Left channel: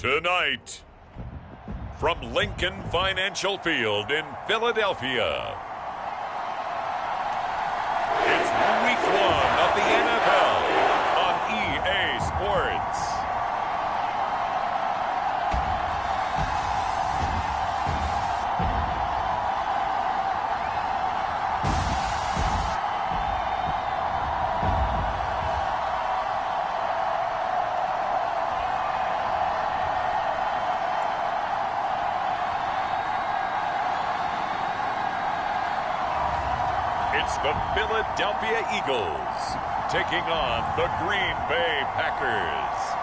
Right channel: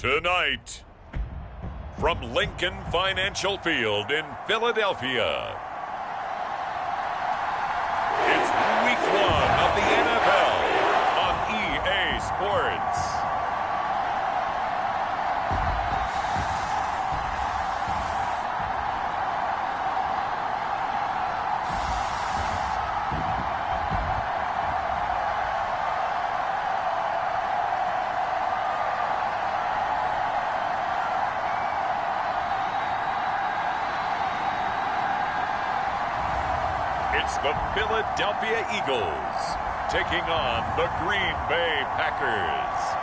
Tonight, from Lincoln Financial Field in Philadelphia, it's Week 1 of the NFL on EA Sports. It's the Philadelphia Eagles taking on the Greenbay Packers.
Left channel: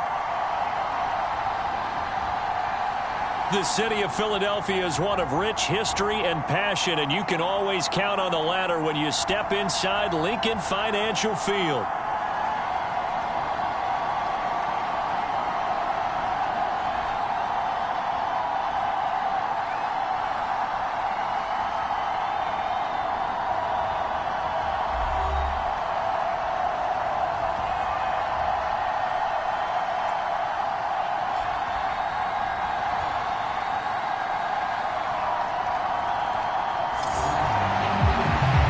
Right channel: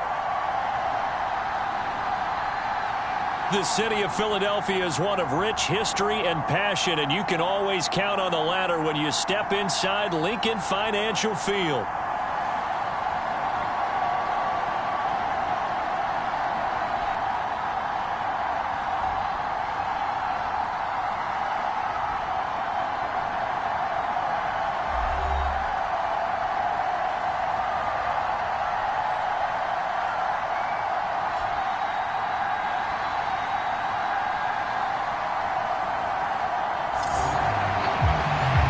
The city of Philadelphia is one of rich history and passion, and you can always count on the latter when you step inside Lincoln Financial Field.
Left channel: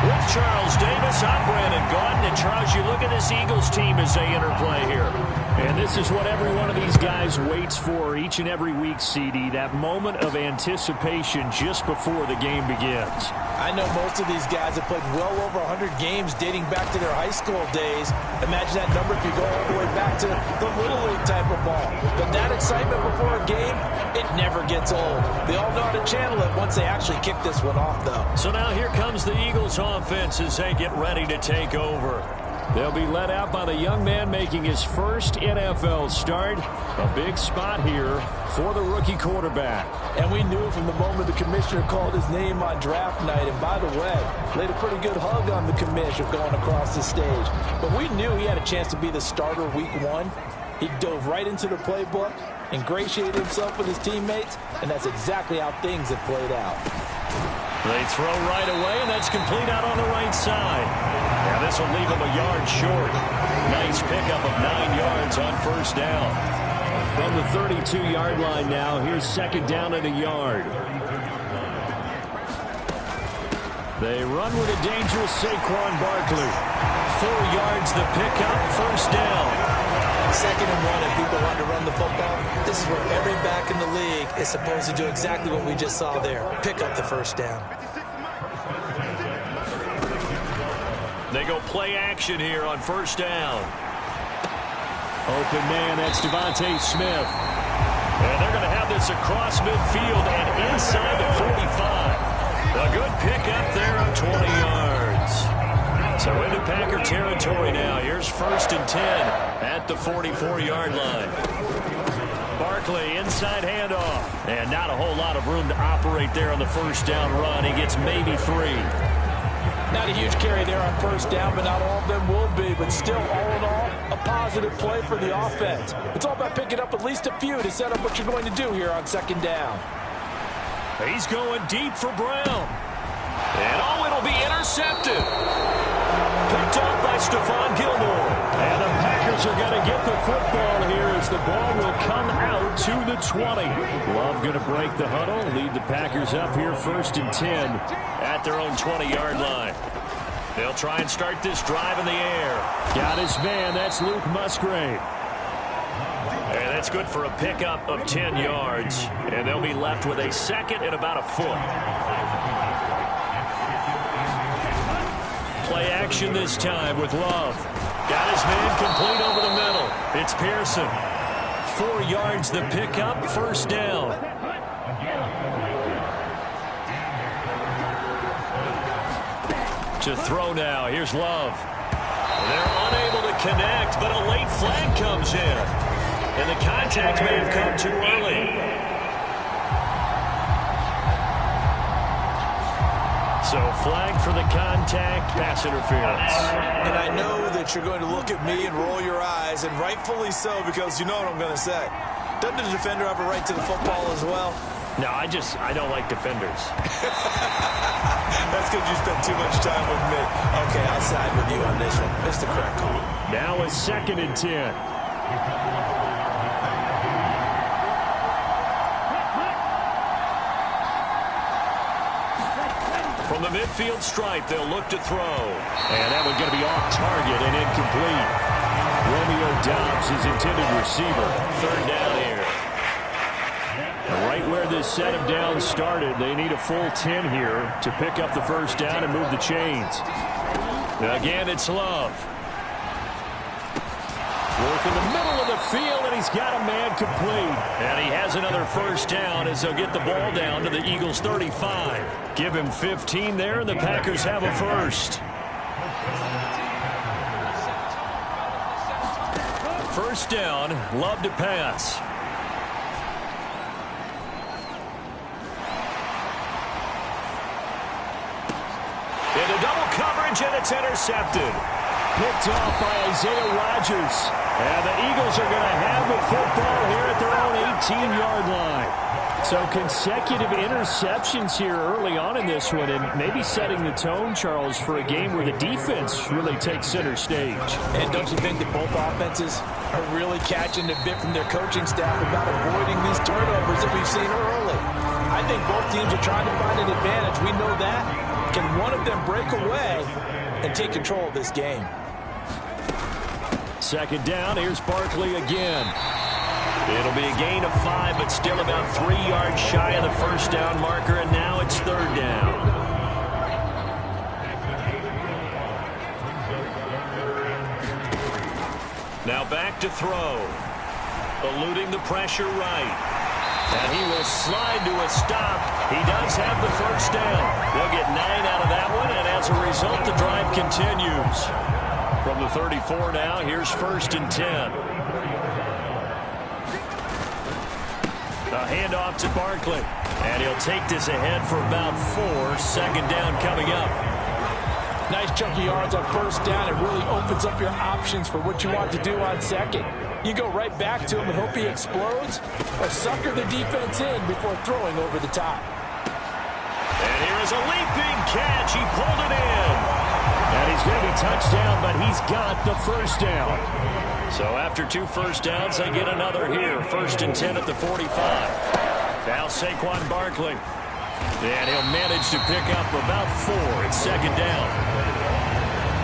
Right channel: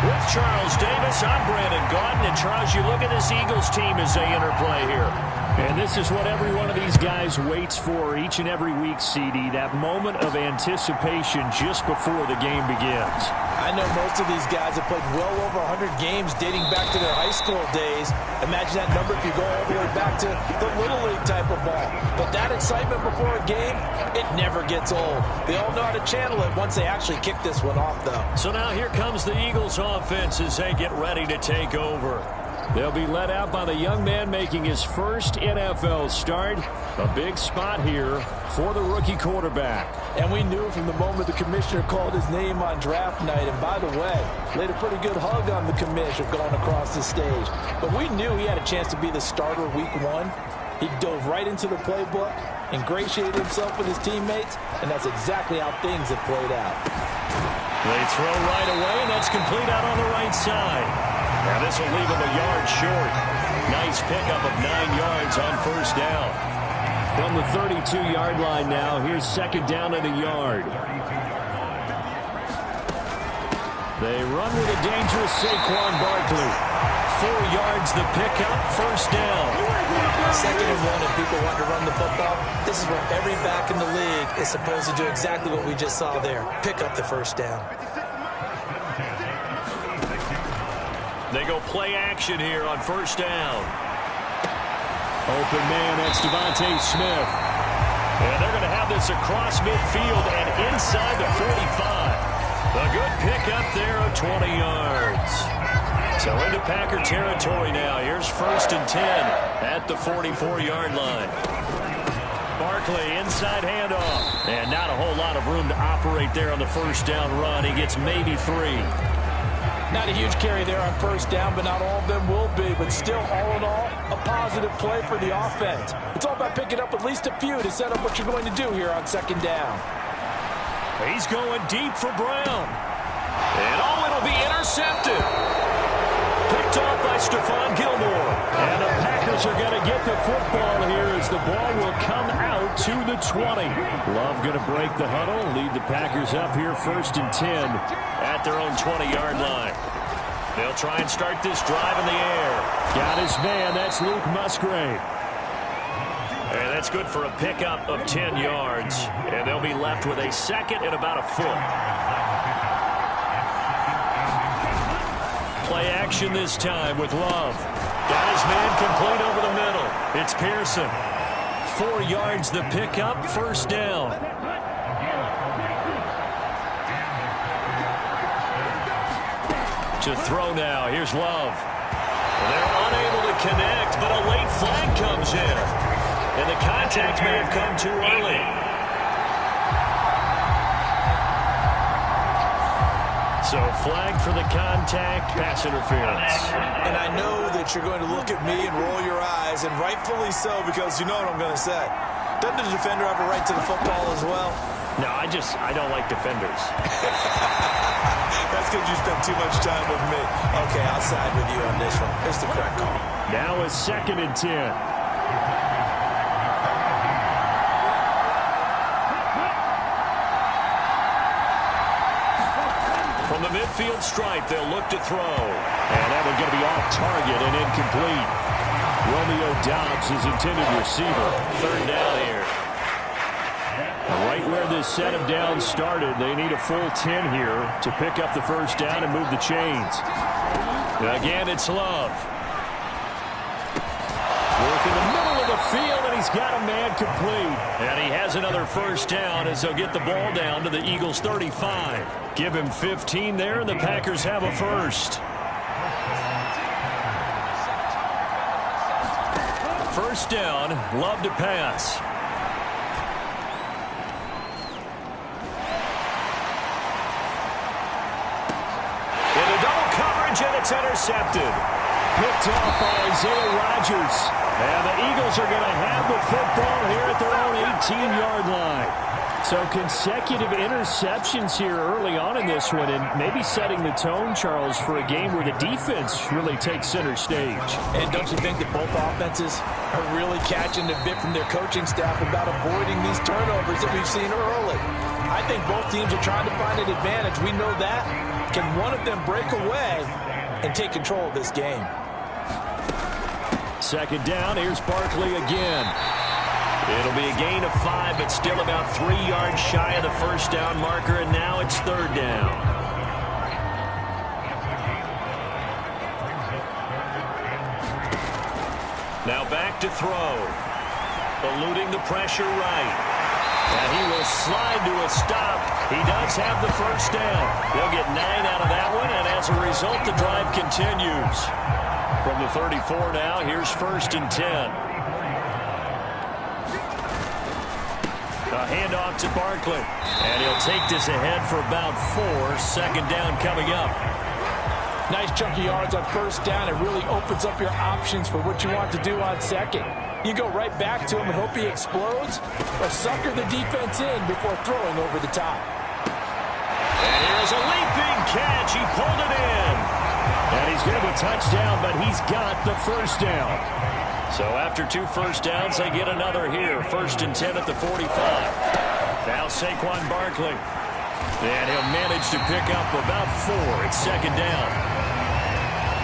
With Charles Davis, I'm Brandon Gaudin. And Charles, you look at this Eagles team as they interplay here. And this is what every one of these guys waits for each and every week, CD. That moment of anticipation just before the game begins. I know most of these guys have played well over 100 games dating back to their high school days. Imagine that number if you go all the way back to the Little League type of ball. But that excitement before a game, it never gets old. They all know how to channel it once they actually kick this one off, though. So now here comes the Eagles offense as they get ready to take over. They'll be led out by the young man making his first NFL start. A big spot here for the rookie quarterback. And we knew from the moment the commissioner called his name on draft night. And by the way, laid a pretty good hug on the commissioner going across the stage. But we knew he had a chance to be the starter week 1. He dove right into the playbook, ingratiated himself with his teammates, and that's exactly how things have played out. They throw right away, and that's complete out on the right side. Now this will leave him a yard short. Nice pickup of 9 yards on first down. From the 32-yard line now, here's second down and a yard. They run with a dangerous Saquon Barkley. 4 yards the pickup, first down. 2nd and 1, and people want to run the football. This is where every back in the league is supposed to do exactly what we just saw there. Pick up the first down. They go play action here on first down. Open man, that's Devontae Smith. And they're going to have this across midfield and inside the 45. A good pickup there of 20 yards. So into Packer territory now. Here's 1st and 10 at the 44-yard line. Barkley, inside handoff. And not a whole lot of room to operate there on the first down run. He gets maybe 3. Not a huge carry there on first down, but not all of them will be. But still, all in all, a positive play for the offense. It's all about picking up at least a few to set up what you're going to do here on 2nd down. He's going deep for Brown. And oh, it'll be intercepted. Picked off by Stephon Gilmore. And the Packers are going to get the football here as the ball will come out to the 20. Love going to break the huddle, lead the Packers up here 1st and 10 at their own 20-yard line. They'll try and start this drive in the air. Got his man, that's Luke Musgrave. And that's good for a pickup of 10 yards. And they'll be left with a 2nd and about a foot. Play action this time with Love. Got his man complete over the middle. It's Pearson. 4 yards the pickup, first down. To throw now, here's Love. They're unable to connect, but a late flag comes in. And the contact may have come too early. So flag for the contact, pass interference. And I know that you're going to look at me and roll your eyes, and rightfully so, because you know what I'm going to say. Doesn't the defender have a right to the football as well? No, I don't like defenders. That's because you spent too much time with me. Okay, I'll side with you on this one. It's the correct call. Now it's 2nd and 10. From the midfield stripe, they'll look to throw. And that one's going to be off target and incomplete. Romeo Doubs is intended receiver. Third down here. Right where this set of downs started, they need a full 10 here to pick up the first down and move the chains. Again, it's Love. Work in the middle of the field, and he's got a man complete. And he has another first down as they'll get the ball down to the Eagles' 35. Give him 15 there, and the Packers have a first. First down, Love to pass. Into double coverage, and it's intercepted. Picked off by Isaiah Rodgers. And the Eagles are going to have the football here at their own 18-yard line. So consecutive interceptions here early on in this one, and maybe setting the tone, Charles, for a game where the defense really takes center stage. And don't you think that both offenses are really catching the bit from their coaching staff about avoiding these turnovers that we've seen early? I think both teams are trying to find an advantage. We know that. Can one of them break away and take control of this game? Second down, here's Barkley again. It'll be a gain of 5, but still about 3 yards shy of the first down marker, and now it's third down. Now back to throw. Eluding the pressure right. And he will slide to a stop. He does have the first down. They'll get 9 out of that one, and as a result, the drive continues. From the 34 now, here's first and 10. A handoff to Barkley. And he'll take this ahead for about 4. Second down coming up. Nice chunky yards on first down. It really opens up your options for what you want to do on second. You go right back to him and hope he explodes, or sucker the defense in before throwing over the top. And here is a leaping catch. He pulled it in. And he's going to be touchdown, but he's got the first down. So after 2 first downs, they get another here. First and 10 at the 45. Now Saquon Barkley. And he'll manage to pick up about 4. It's second down.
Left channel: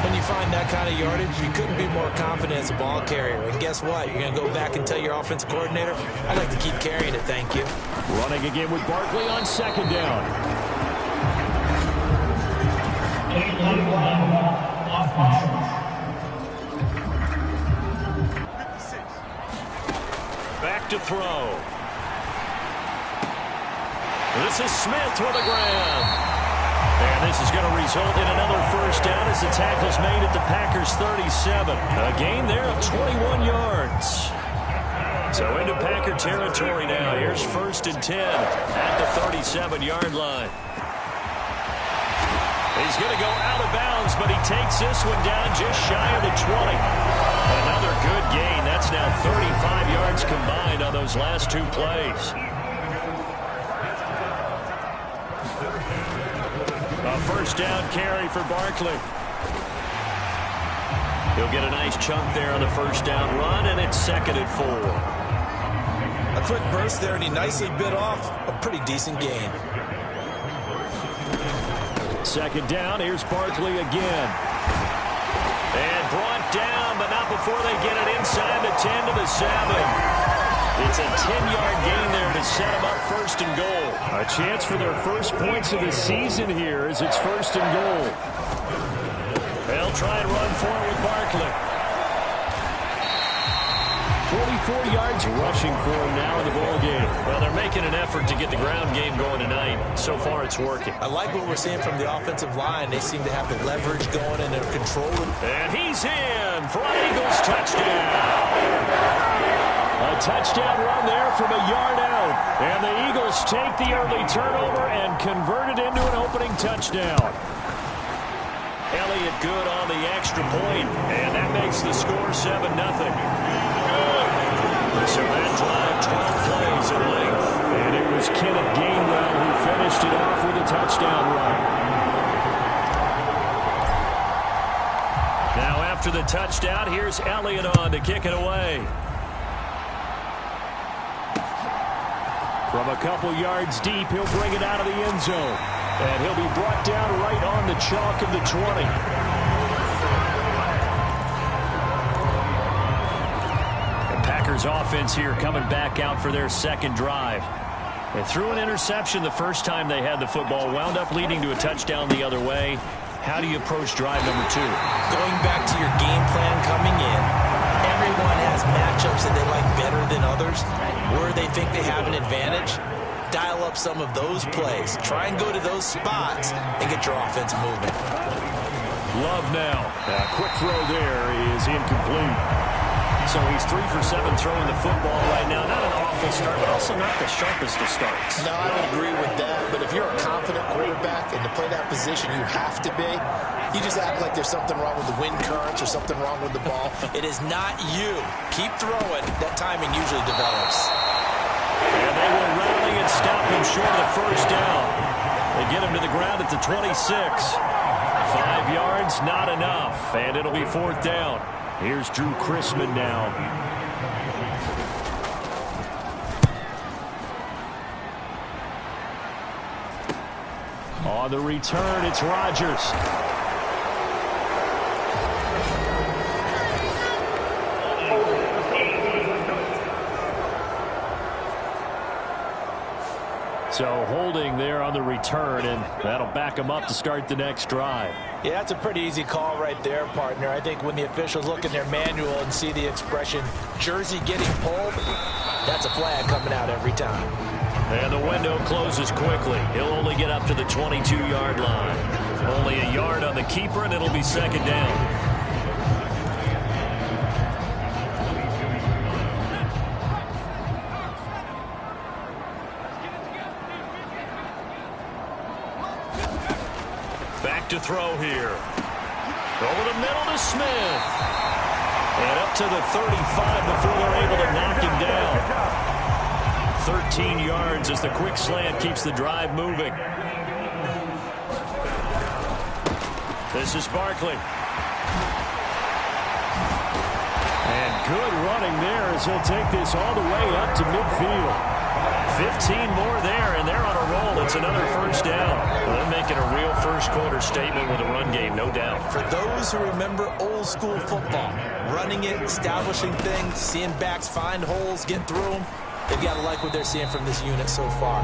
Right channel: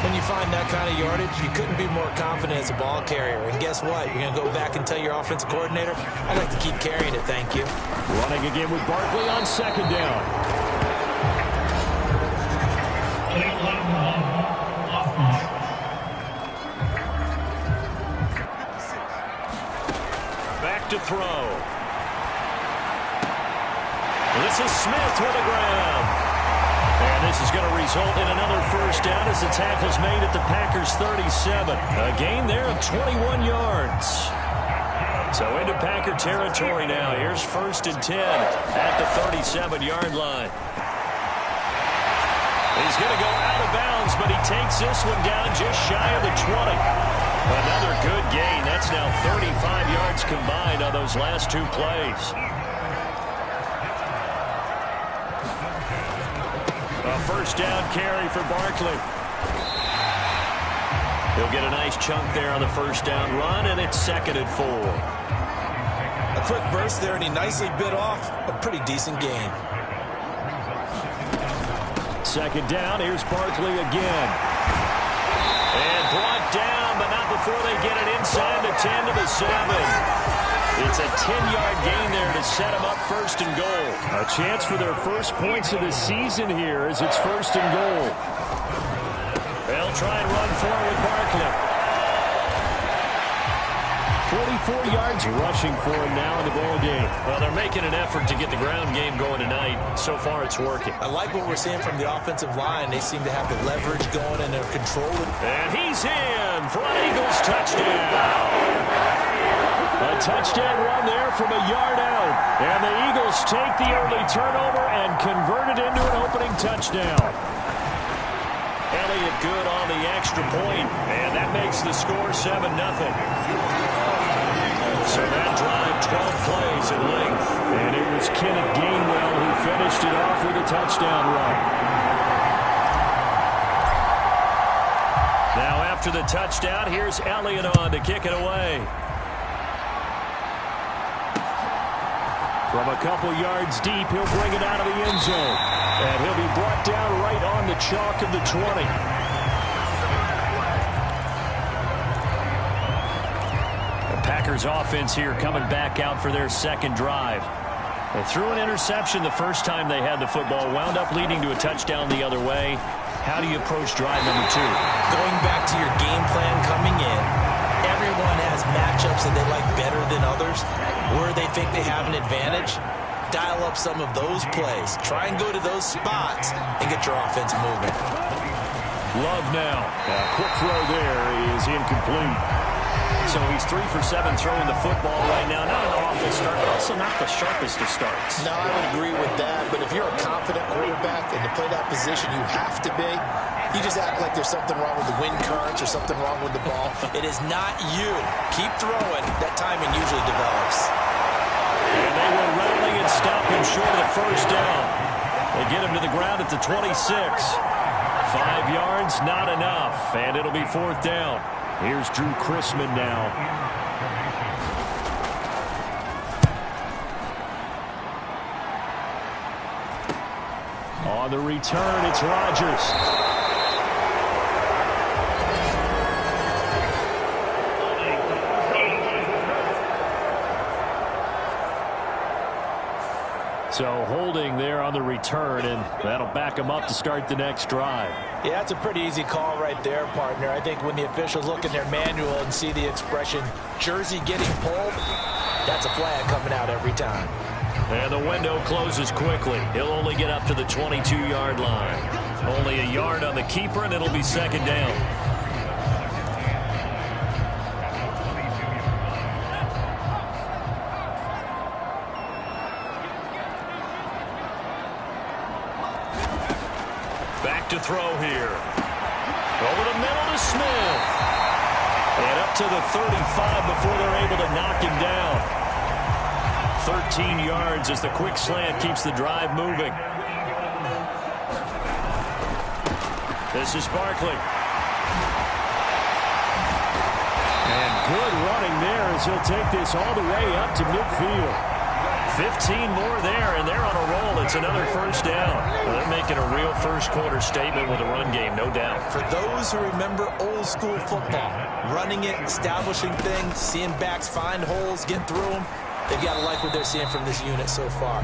When you find that kind of yardage, you couldn't be more confident as a ball carrier. And guess what? You're going to go back and tell your offensive coordinator, I'd like to keep carrying it, thank you. Running again with Barkley on second down. Back to throw. This is Smith with a grab. And this is going to result in another first down as the tackle's made at the Packers' 37. A gain there of 21 yards. So into Packer territory now. Here's first and 10 at the 37-yard line. He's going to go out of bounds, but he takes this one down just shy of the 20. Another good gain. That's now 35 yards combined on those last 2 plays. A first down carry for Barkley. He'll get a nice chunk there on the first down run, and it's second and 4. A quick burst there, and he nicely bit off a pretty decent gain. Second down, here's Barkley again. And brought down, but not before they get it inside the 10 to the 7. It's a 10-yard gain there to set them up first and goal. A chance for their first points of the season here as it's first and goal. They'll try and run for it with Barkley. 44 yards rushing for him now in the ball game. Well, they're making an effort to get the ground game going tonight. So far, it's working. I like what we're seeing from the offensive line. They seem to have the leverage going and they're controlling. And he's in for an Eagles touchdown. A touchdown run there from a yard out. And the Eagles take the early turnover and convert it into an opening touchdown. Elliott good on the extra point, and that makes the score 7-0. So that drive, 12 plays in length. And it was Kenneth Gainwell who finished it off with a touchdown run. Now after the touchdown, here's Elliott on to kick it away. From a couple yards deep, he'll bring it out of the end zone. And he'll be brought down right on the chalk of the 20. The Packers offense here coming back out for their second drive. They threw an interception the first time they had the football, wound up leading to a touchdown the other way. How do you approach drive number 2? Going back to your game plan coming in, everyone has matchups that they like better than others, where they think they have an advantage. Dial up some of those plays. Try and go to those spots and get your offense moving. Love now. A quick throw there is incomplete. So he's 3 for 7 throwing the football right now. Not an awful start, but also not the sharpest of starts. No, I would agree with that. But if you're a confident quarterback and to play that position, you have to be. You just act like there's something wrong with the wind currents or something wrong with the ball. It is not you. Keep throwing. That timing usually develops. And they will rally and stop him short of the first down. They get him to the ground at the 26. 5 yards, not enough. And it'll be 4th down. Here's Drew Chrisman now. On the return, it's Rodgers. So holding there on the return, and that'll back him up to start the next drive. Yeah, that's a pretty easy call right there, partner. I think when the officials look in their manual and see the expression jersey getting pulled, that's a flag coming out every time. And the window closes quickly. He'll only get up to the 22-yard line. Only a yard on the keeper, and it'll be 2nd down. To throw here. Over the middle to Smith. And up to the 35 before they're able to knock him down. 13 yards as the quick slant keeps the drive moving. This is Barkley. And good running there as he'll take this all the way up to midfield. 15 more there, and they're on a roll. It's another first down. Well, they're making a real first-quarter statement with a run game, no doubt. For those who remember old-school football, running it, establishing things, seeing backs find holes, get through them, they've got to like what they're seeing from this unit so far.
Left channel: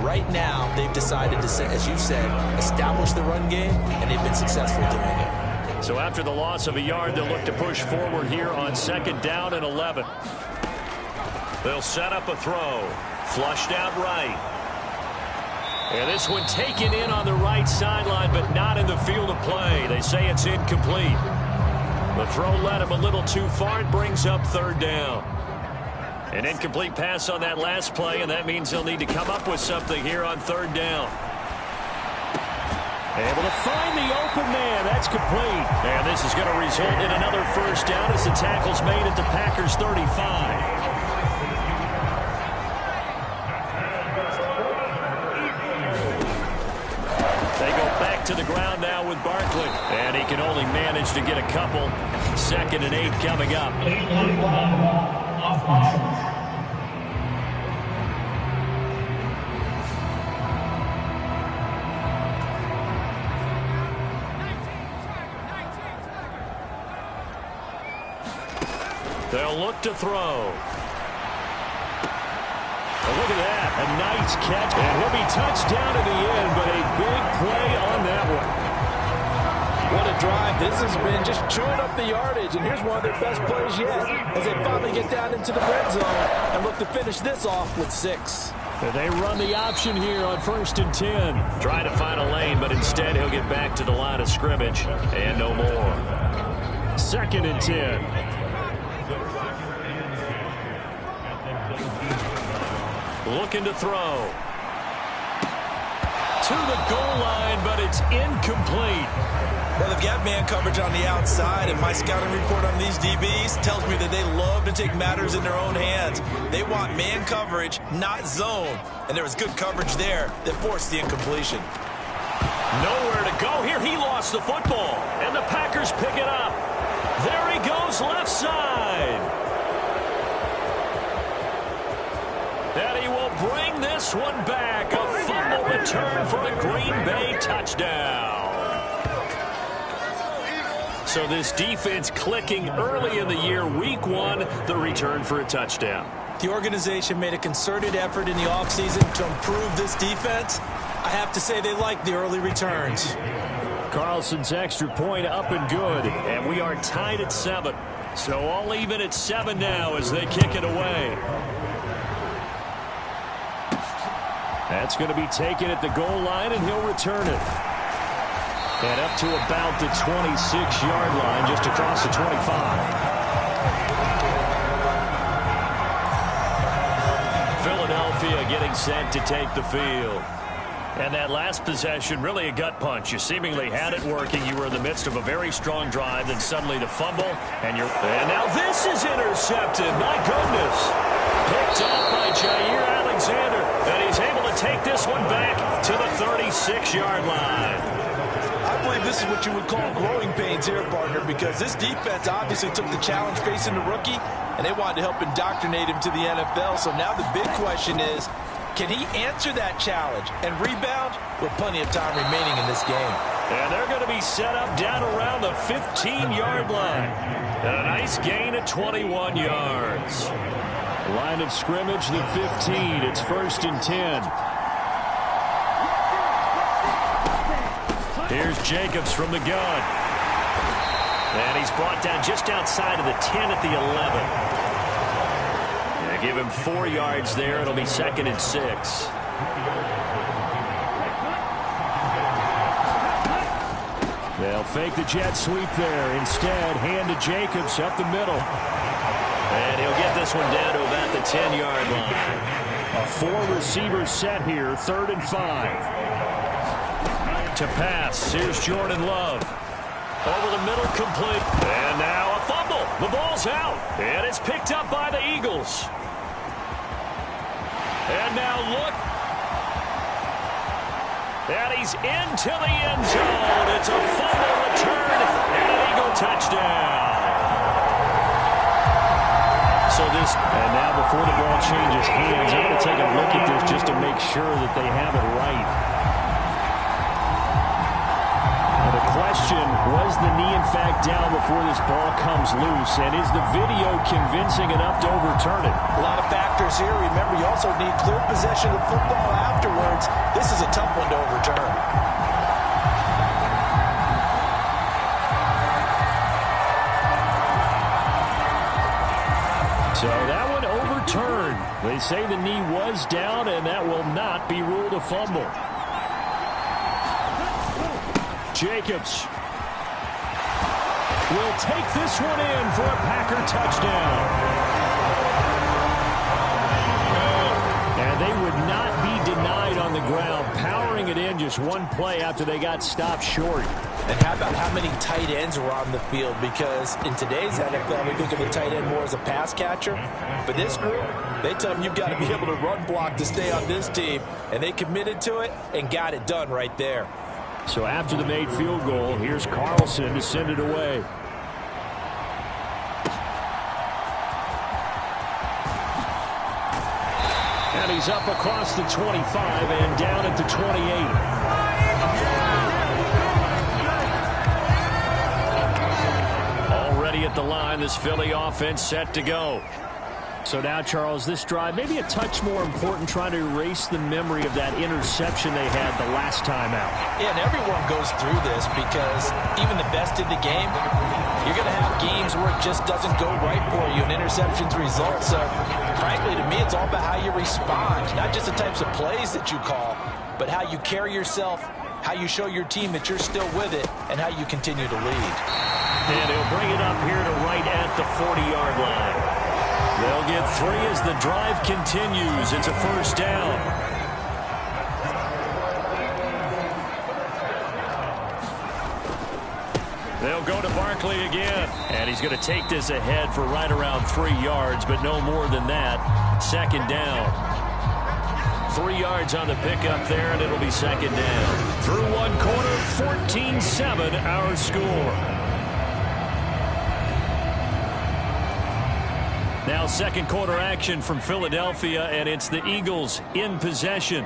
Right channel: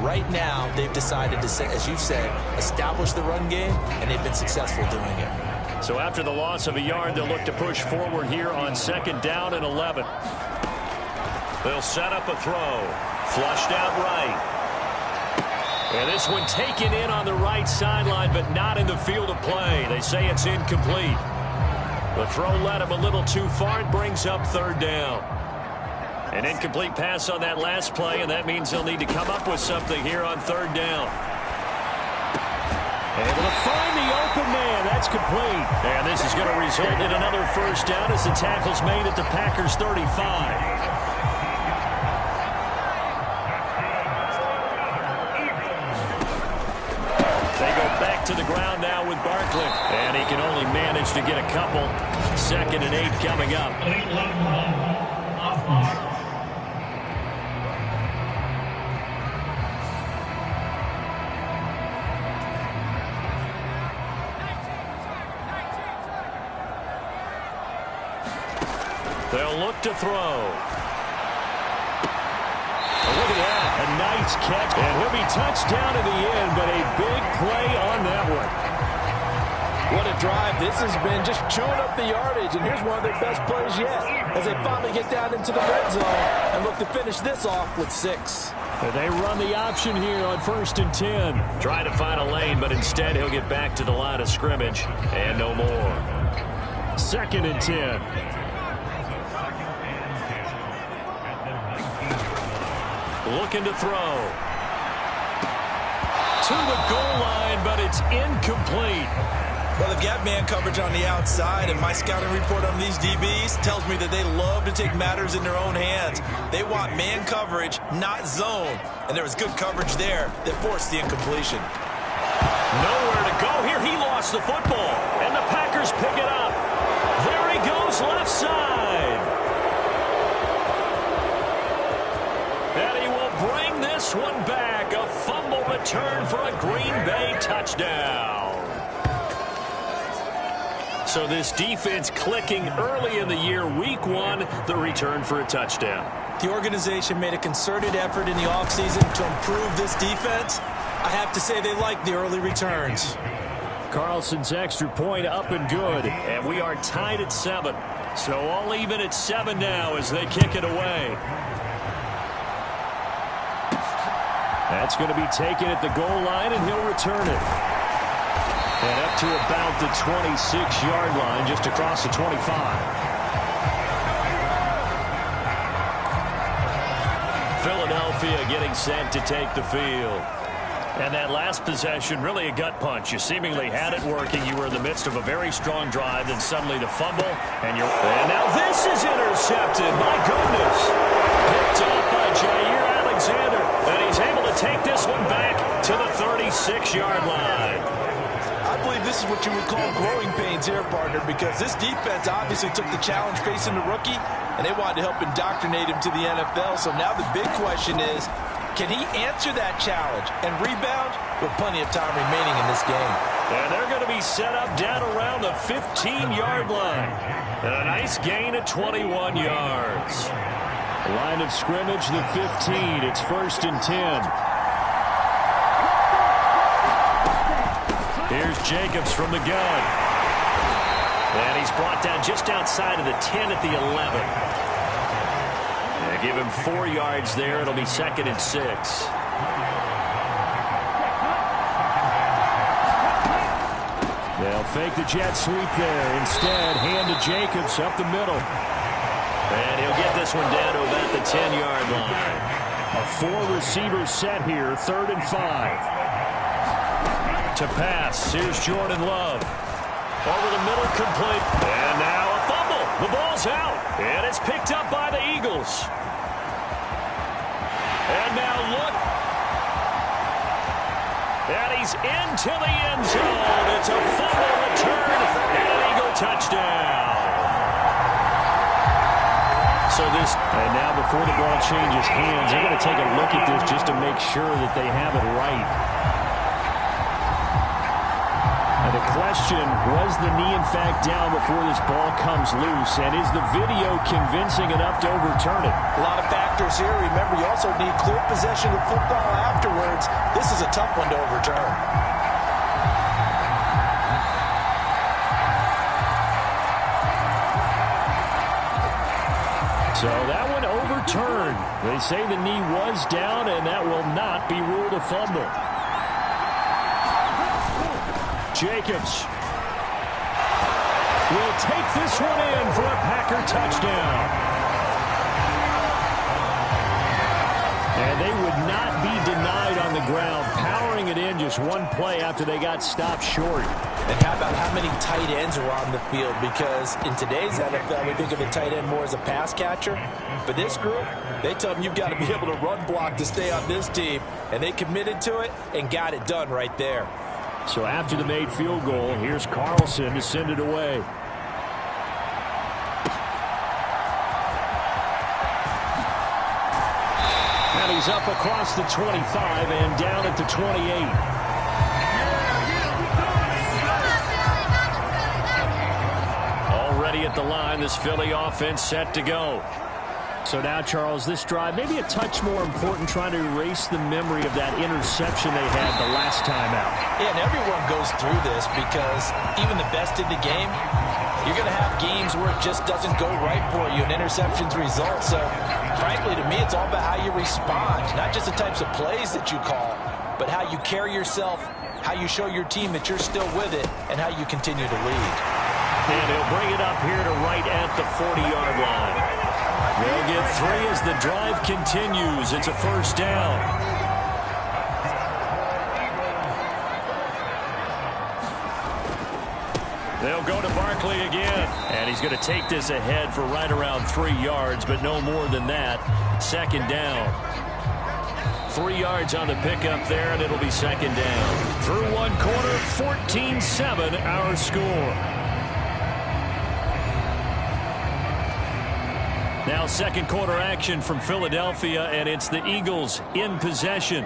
Right now, they've decided to, as you said, establish the run game, and they've been successful doing it. So after the loss of a yard, they'll look to push forward here on 2nd down and 11. They'll set up a throw. Flushed out right. And this one taken in on the right sideline, but not in the field of play. They say it's incomplete. The throw led him a little too far. It brings up 3rd down. An incomplete pass on that last play, and that means they'll need to come up with something here on 3rd down. Able to find the open man. That's complete. And this is going to result in another first down as the tackle's made at the Packers' 35. They go back to the ground now with Barkley. And he can only manage to get a couple. 2nd and 8 coming up. They'll look to throw. Oh, look at that. A nice catch. And he'll be touched down in the end, but a big play on that one. What a drive. This has been just chewing up the yardage, and here's one of their best plays yet as they finally get down into the red zone and look to finish this off with 6. They run the option here on 1st and 10. Try to find a lane, but instead he'll get back to the line of scrimmage and no more. 2nd and 10. Looking to throw. To the goal line, but it's incomplete. Well, they've got man coverage on the outside, and my scouting report on these DBs tells me that they love to take matters in their own hands. They want man coverage, not zone. And there was good coverage there that forced the incompletion. Nowhere to go here. He lost the football, and the Packers pick it up. There he goes, left side. And he will bring this one back. A fumble return for a Green Bay touchdown. So this defense clicking early in the year. Week 1, the return for a touchdown. The organization made a concerted effort in the offseason to improve this defense. I have to say they like the early returns. Carlson's extra point up and good. And we are tied at 7. So all even at 7 now as they kick it away. That's going to be taken at the goal line, and he'll return it. And up to about the 26-yard line, just across the 25. Philadelphia getting set to take the field. And that last possession, really a gut punch. You seemingly had it working. You were in the midst of a very strong drive, then suddenly the fumble, and now this is intercepted. My goodness. Picked off by Jair Alexander, and he's able to take this one back to the 36-yard line. I believe this is what you would call growing pains here, partner, because this defense obviously took the challenge facing the rookie, and they wanted to help indoctrinate him to the NFL. So now the big question is, can he answer that challenge and rebound with plenty of time remaining in this game? And they're going to be set up down around the 15-yard line. And a nice gain of 21 yards. Line of scrimmage, the 15. It's 1st and 10. Here's Jacobs from the gun. And he's brought down just outside of the 10 at the 11. Give him 4 yards there. It'll be 2nd and 6. They'll fake the jet sweep there. Instead, hand to Jacobs up the middle. And he'll get this one down to about the 10-yard line. A 4-receiver set here, 3rd and 5. To pass, here's Jordan Love. Over the middle, complete. And now a fumble. The ball's out. And it's picked up by the Eagles. And now look. And he's into the end zone. It's a fumble return and an Eagle touchdown. And now before the ball changes hands, they're going to take a look at this just to make sure that they have it right. Now the question, was the knee in fact down before this ball comes loose? And is the video convincing enough to overturn it? A lot of factors here. Remember, you also need clear possession of football afterwards. This is a tough one to overturn. So that one overturned. They say the knee was down, and that will not be ruled a fumble. Jacobs will take this one in for a Packer touchdown. And they would not be denied on the ground, powering it in just one play after they got stopped short. And how about how many tight ends were on the field? Because in today's NFL, we think of the tight end more as a pass catcher. But this group, they tell them you've got to be able to run block to stay on this team. And they committed to it and got it done right there. So after the made field goal, here's Carlson to send it away. And he's up across the 25 and down at the 28. Already at the line, this Philly offense set to go. So now, Charles, this drive maybe a touch more important, trying to erase the memory of that interception they had the last time out. Yeah, and everyone goes through this because even the best in the game, you're going to have games where it just doesn't go right for you and interceptions result. So, frankly, to me, it's all about how you respond, not just the types of plays that you call, but how you carry yourself, how you show your team that you're still with it, and how you continue to lead. And he'll bring it up here to right at the 40-yard line. They'll get 3 as the drive continues. It's a 1st down. They'll go to Barkley again. And he's going to take this ahead for right around 3 yards, but no more than that. 2nd down. 3 yards on the pickup there, and it'll be 2nd down. Through one quarter, 14-7 our score. Now second quarter action from Philadelphia, and it's the Eagles in possession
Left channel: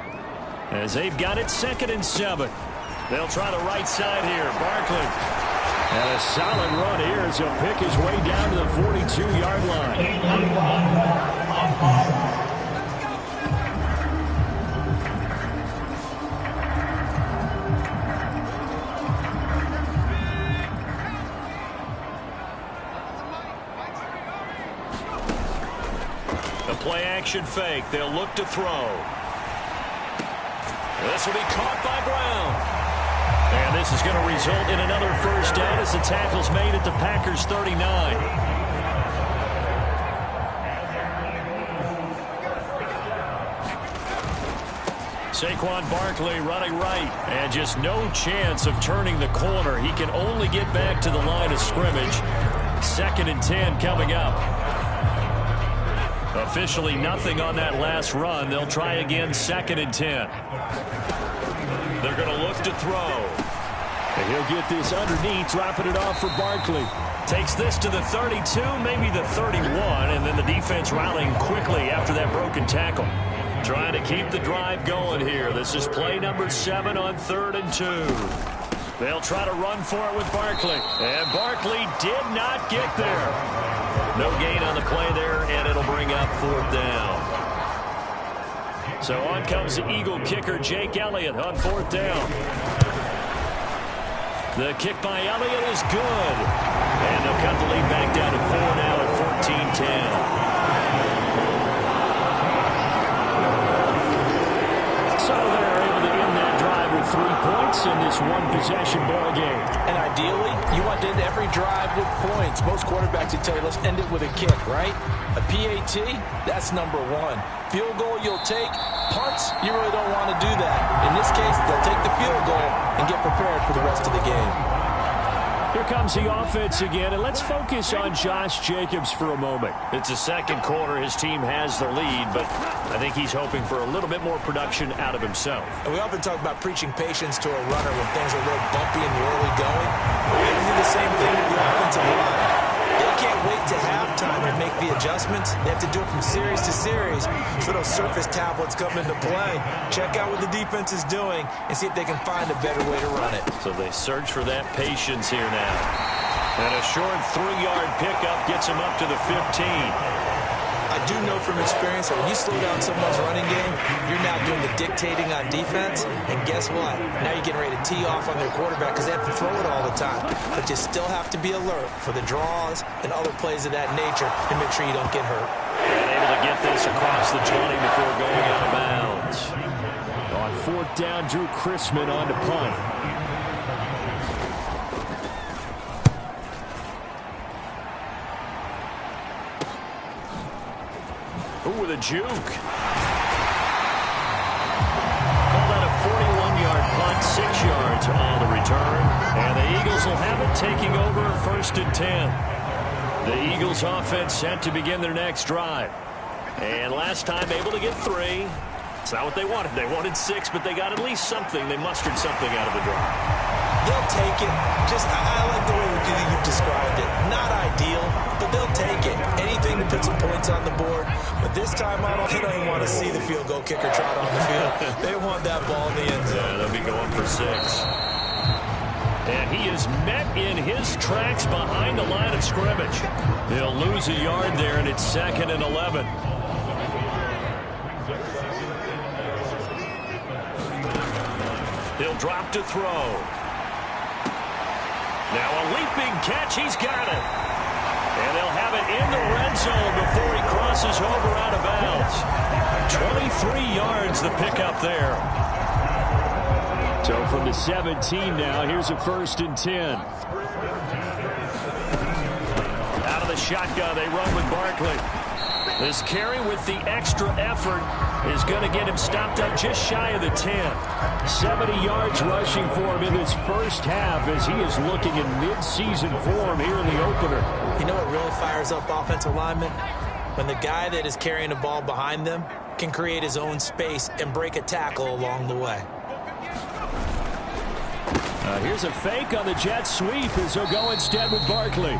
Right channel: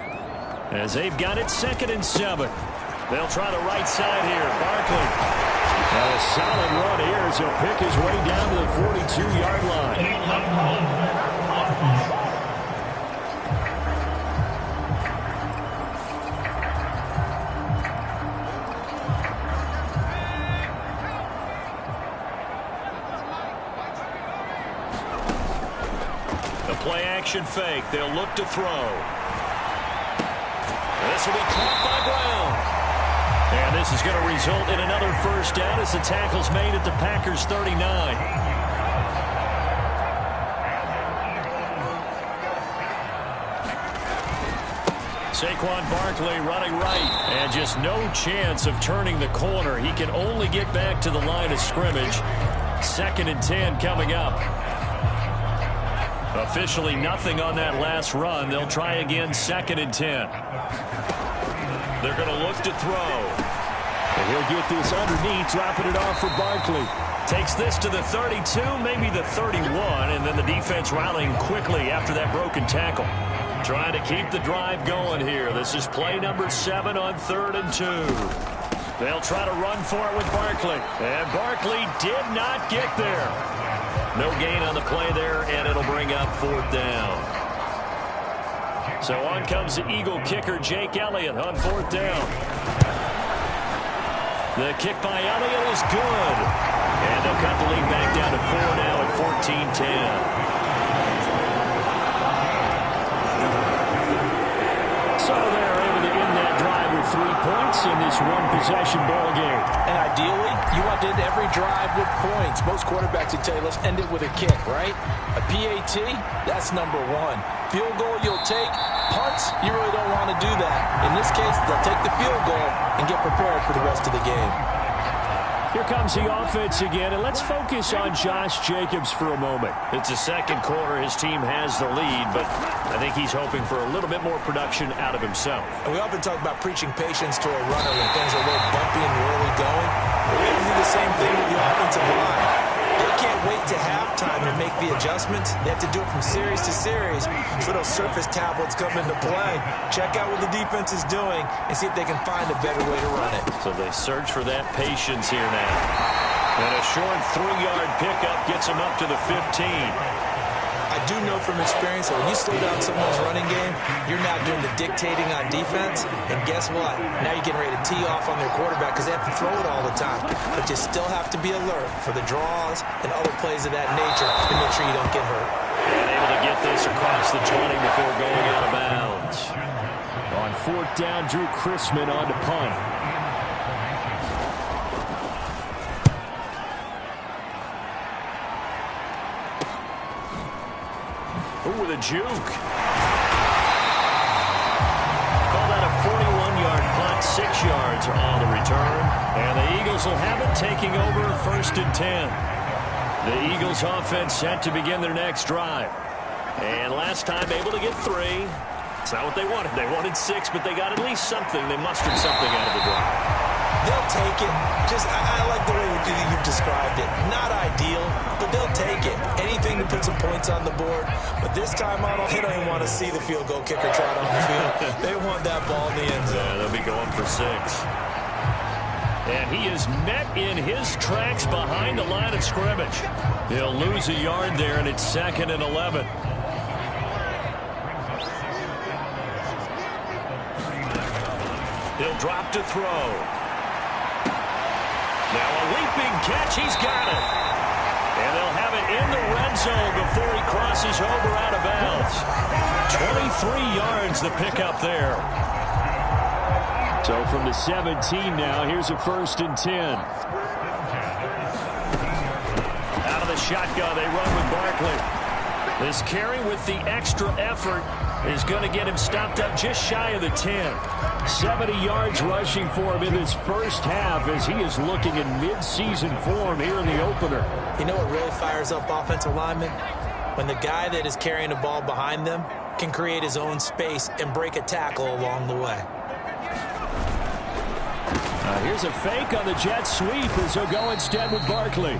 as they've got it 2nd and 7. They'll try the right side here. Barkley. And a solid run here as he'll pick his way down to the 42-yard line. The play action fake. They'll look to throw. This will be caught by Brown. And this is going to result in another first down as the tackle's made at the Packers 39. Saquon Barkley running right. And just no chance of turning the corner. He can only get back to the line of scrimmage. 2nd and 10 coming up. Officially nothing on that last run. They'll try again 2nd and 10. They're going to look to throw. And he'll get this underneath, dropping it off for Barkley. Takes this to the 32, maybe the 31, and then the defense rallying quickly after that broken tackle. Trying to keep the drive going here. This is play number 7 on 3rd and 2. They'll try to run for it with Barkley. And Barkley did not get there. No gain on the play there, and it'll bring up 4th down. So on comes the Eagle kicker, Jake Elliott, on 4th down. The kick by Elliott is good. And they'll cut the lead back down to 4 now at 14-10. So they're able to end that drive with 3 points in this one-possession ball game. And ideally, you want to end every drive with points. Most quarterbacks would tell you, let's end it with a kick, right? A PAT, that's number 1. Field goal you'll take. Punts, you really don't want to do that. In this case, they'll take the field goal and get prepared for the rest of the game. Here comes the offense again, and let's focus on Josh Jacobs for a moment. It's the second quarter. His team has the lead, but I think he's hoping for a little bit more production out of himself. And we often talk about preaching patience to a runner when things are a little bumpy in the early going. But we have to do the same thing with the offensive line. They can't wait to halftime to make the adjustments. They have to do it from series to series so those surface tablets come into play. Check out what the defense is doing and see if they can find a better way to run it. So they search for that patience here now. And a short 3-yard pickup gets them up to the 15. I do know from experience that when you slow down someone's running game, you're now doing the dictating on defense. And guess what? Now you're getting ready to tee off on their quarterback because they have to throw it all the time. But you still have to be alert for the draws and other plays of that nature to make sure you don't get hurt. And able to get this across the 20 before going out of bounds. On 4th down, Drew Chrisman on to punt. Ooh, with a juke. Called out a 41-yard punt, 6 yards on the return. And the Eagles will have it, taking over 1st and 10. The Eagles offense set to begin their next drive. And last time able to get 3. It's not what they wanted. They wanted 6, but they got at least something. They mustered something out of the drive. They'll take it. I like the way you've described it. Not ideal, but they'll take it. Anything to put some points on the board. But this time out, they don't even want to see the field goal kicker trot on the field. They want that ball in the end zone. Yeah, they'll be going for 6. And he is met in his tracks behind the line of scrimmage. He'll lose a yard there, and it's 2nd and 11. He'll drop to throw. Now a leaping catch. He's got it. And they'll have it in the red zone before he crosses over out of bounds. 23 yards the pickup there. So from the 17 now, here's a 1st and 10. Out of the shotgun, they run with Barkley. This carry with the extra effort is going to get him stopped up just shy of the 10. 70 yards rushing for him in this first half as he is looking in mid-season form here in the opener. You know what really fires up offensive linemen? When the guy that is carrying the ball behind them can create his own space and break a tackle along the way. Here's a fake on the jet sweep as he'll go instead with Barkley.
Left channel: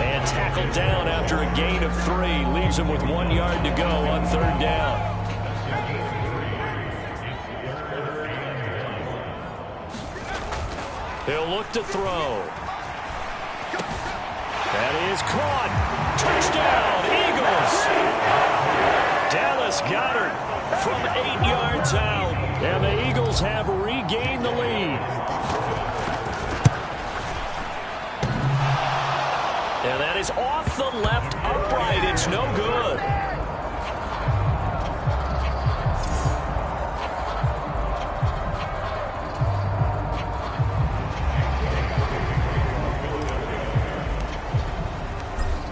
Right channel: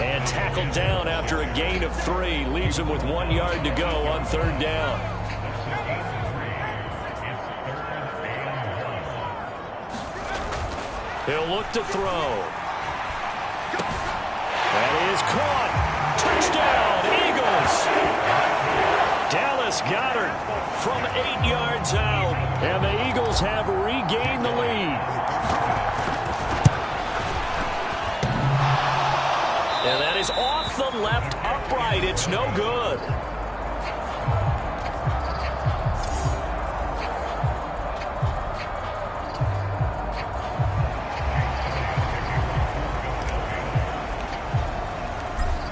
And tackled down after a gain of 3. Leaves him with 1 yard to go on 3rd down. He'll look to throw. That is caught. Touchdown, Eagles. Dallas Goedert from 8 yards out. And the Eagles have regained the lead. And that is off the left upright. It's no good.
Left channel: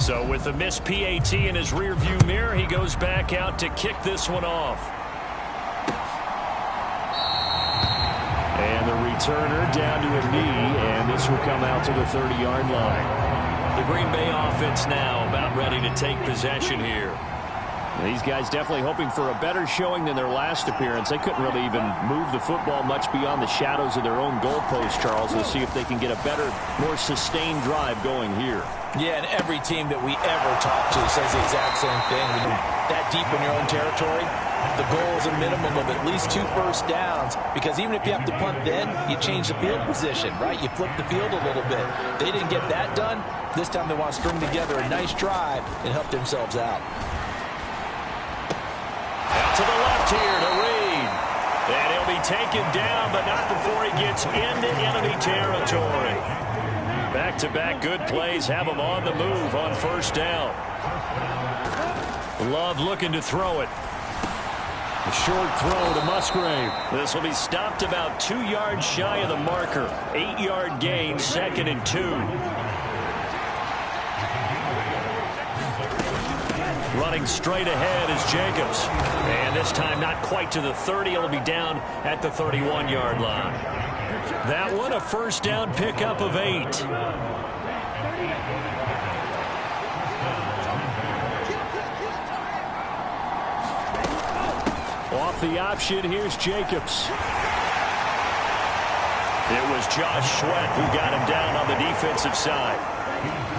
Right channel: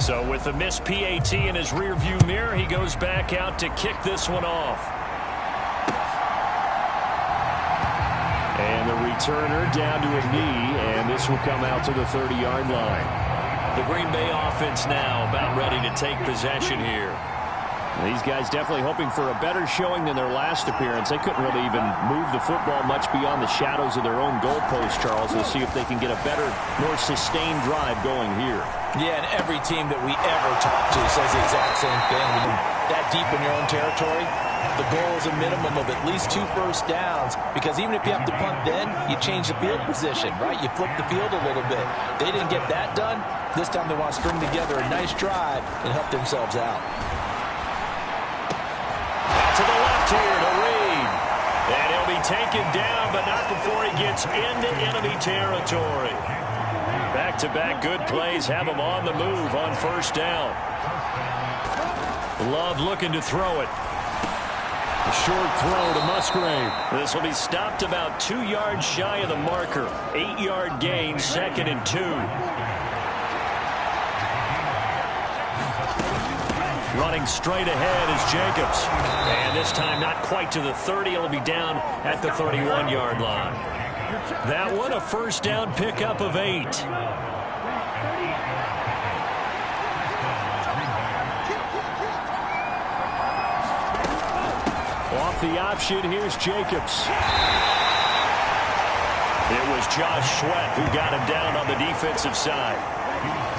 So with the missed PAT in his rearview mirror, he goes back out to kick this one off. And the returner down to a knee, and this will come out to the 30-yard line. The Green Bay offense now about ready to take possession here. These guys definitely hoping for a better showing than their last appearance. They couldn't really even move the football much beyond the shadows of their own goalpost, Charles. We'll see if they can get a better, more sustained drive going here. Yeah, and every team that we ever talk to says the exact same thing. When you're that deep in your own territory, the goal is a minimum of at least 2 first downs, because even if you have to punt then, you change the field position, right? You flip the field a little bit. They didn't get that done. This time they want to string together a nice drive and help themselves out. Out to the left here to Reed. And he'll be taken down, but not before he gets into enemy territory. Back-to-back good plays have him on the move on 1st down. Love looking to throw it. A short throw to Musgrave. This will be stopped about 2 yards shy of the marker. 8-yard gain, 2nd and 2. Running straight ahead is Jacobs. And this time not quite to the 30. It'll be down at the 31-yard line. That one a 1st down pickup of 8. Off the option, here's Jacobs. It was Josh Sweat who got him down on the defensive side.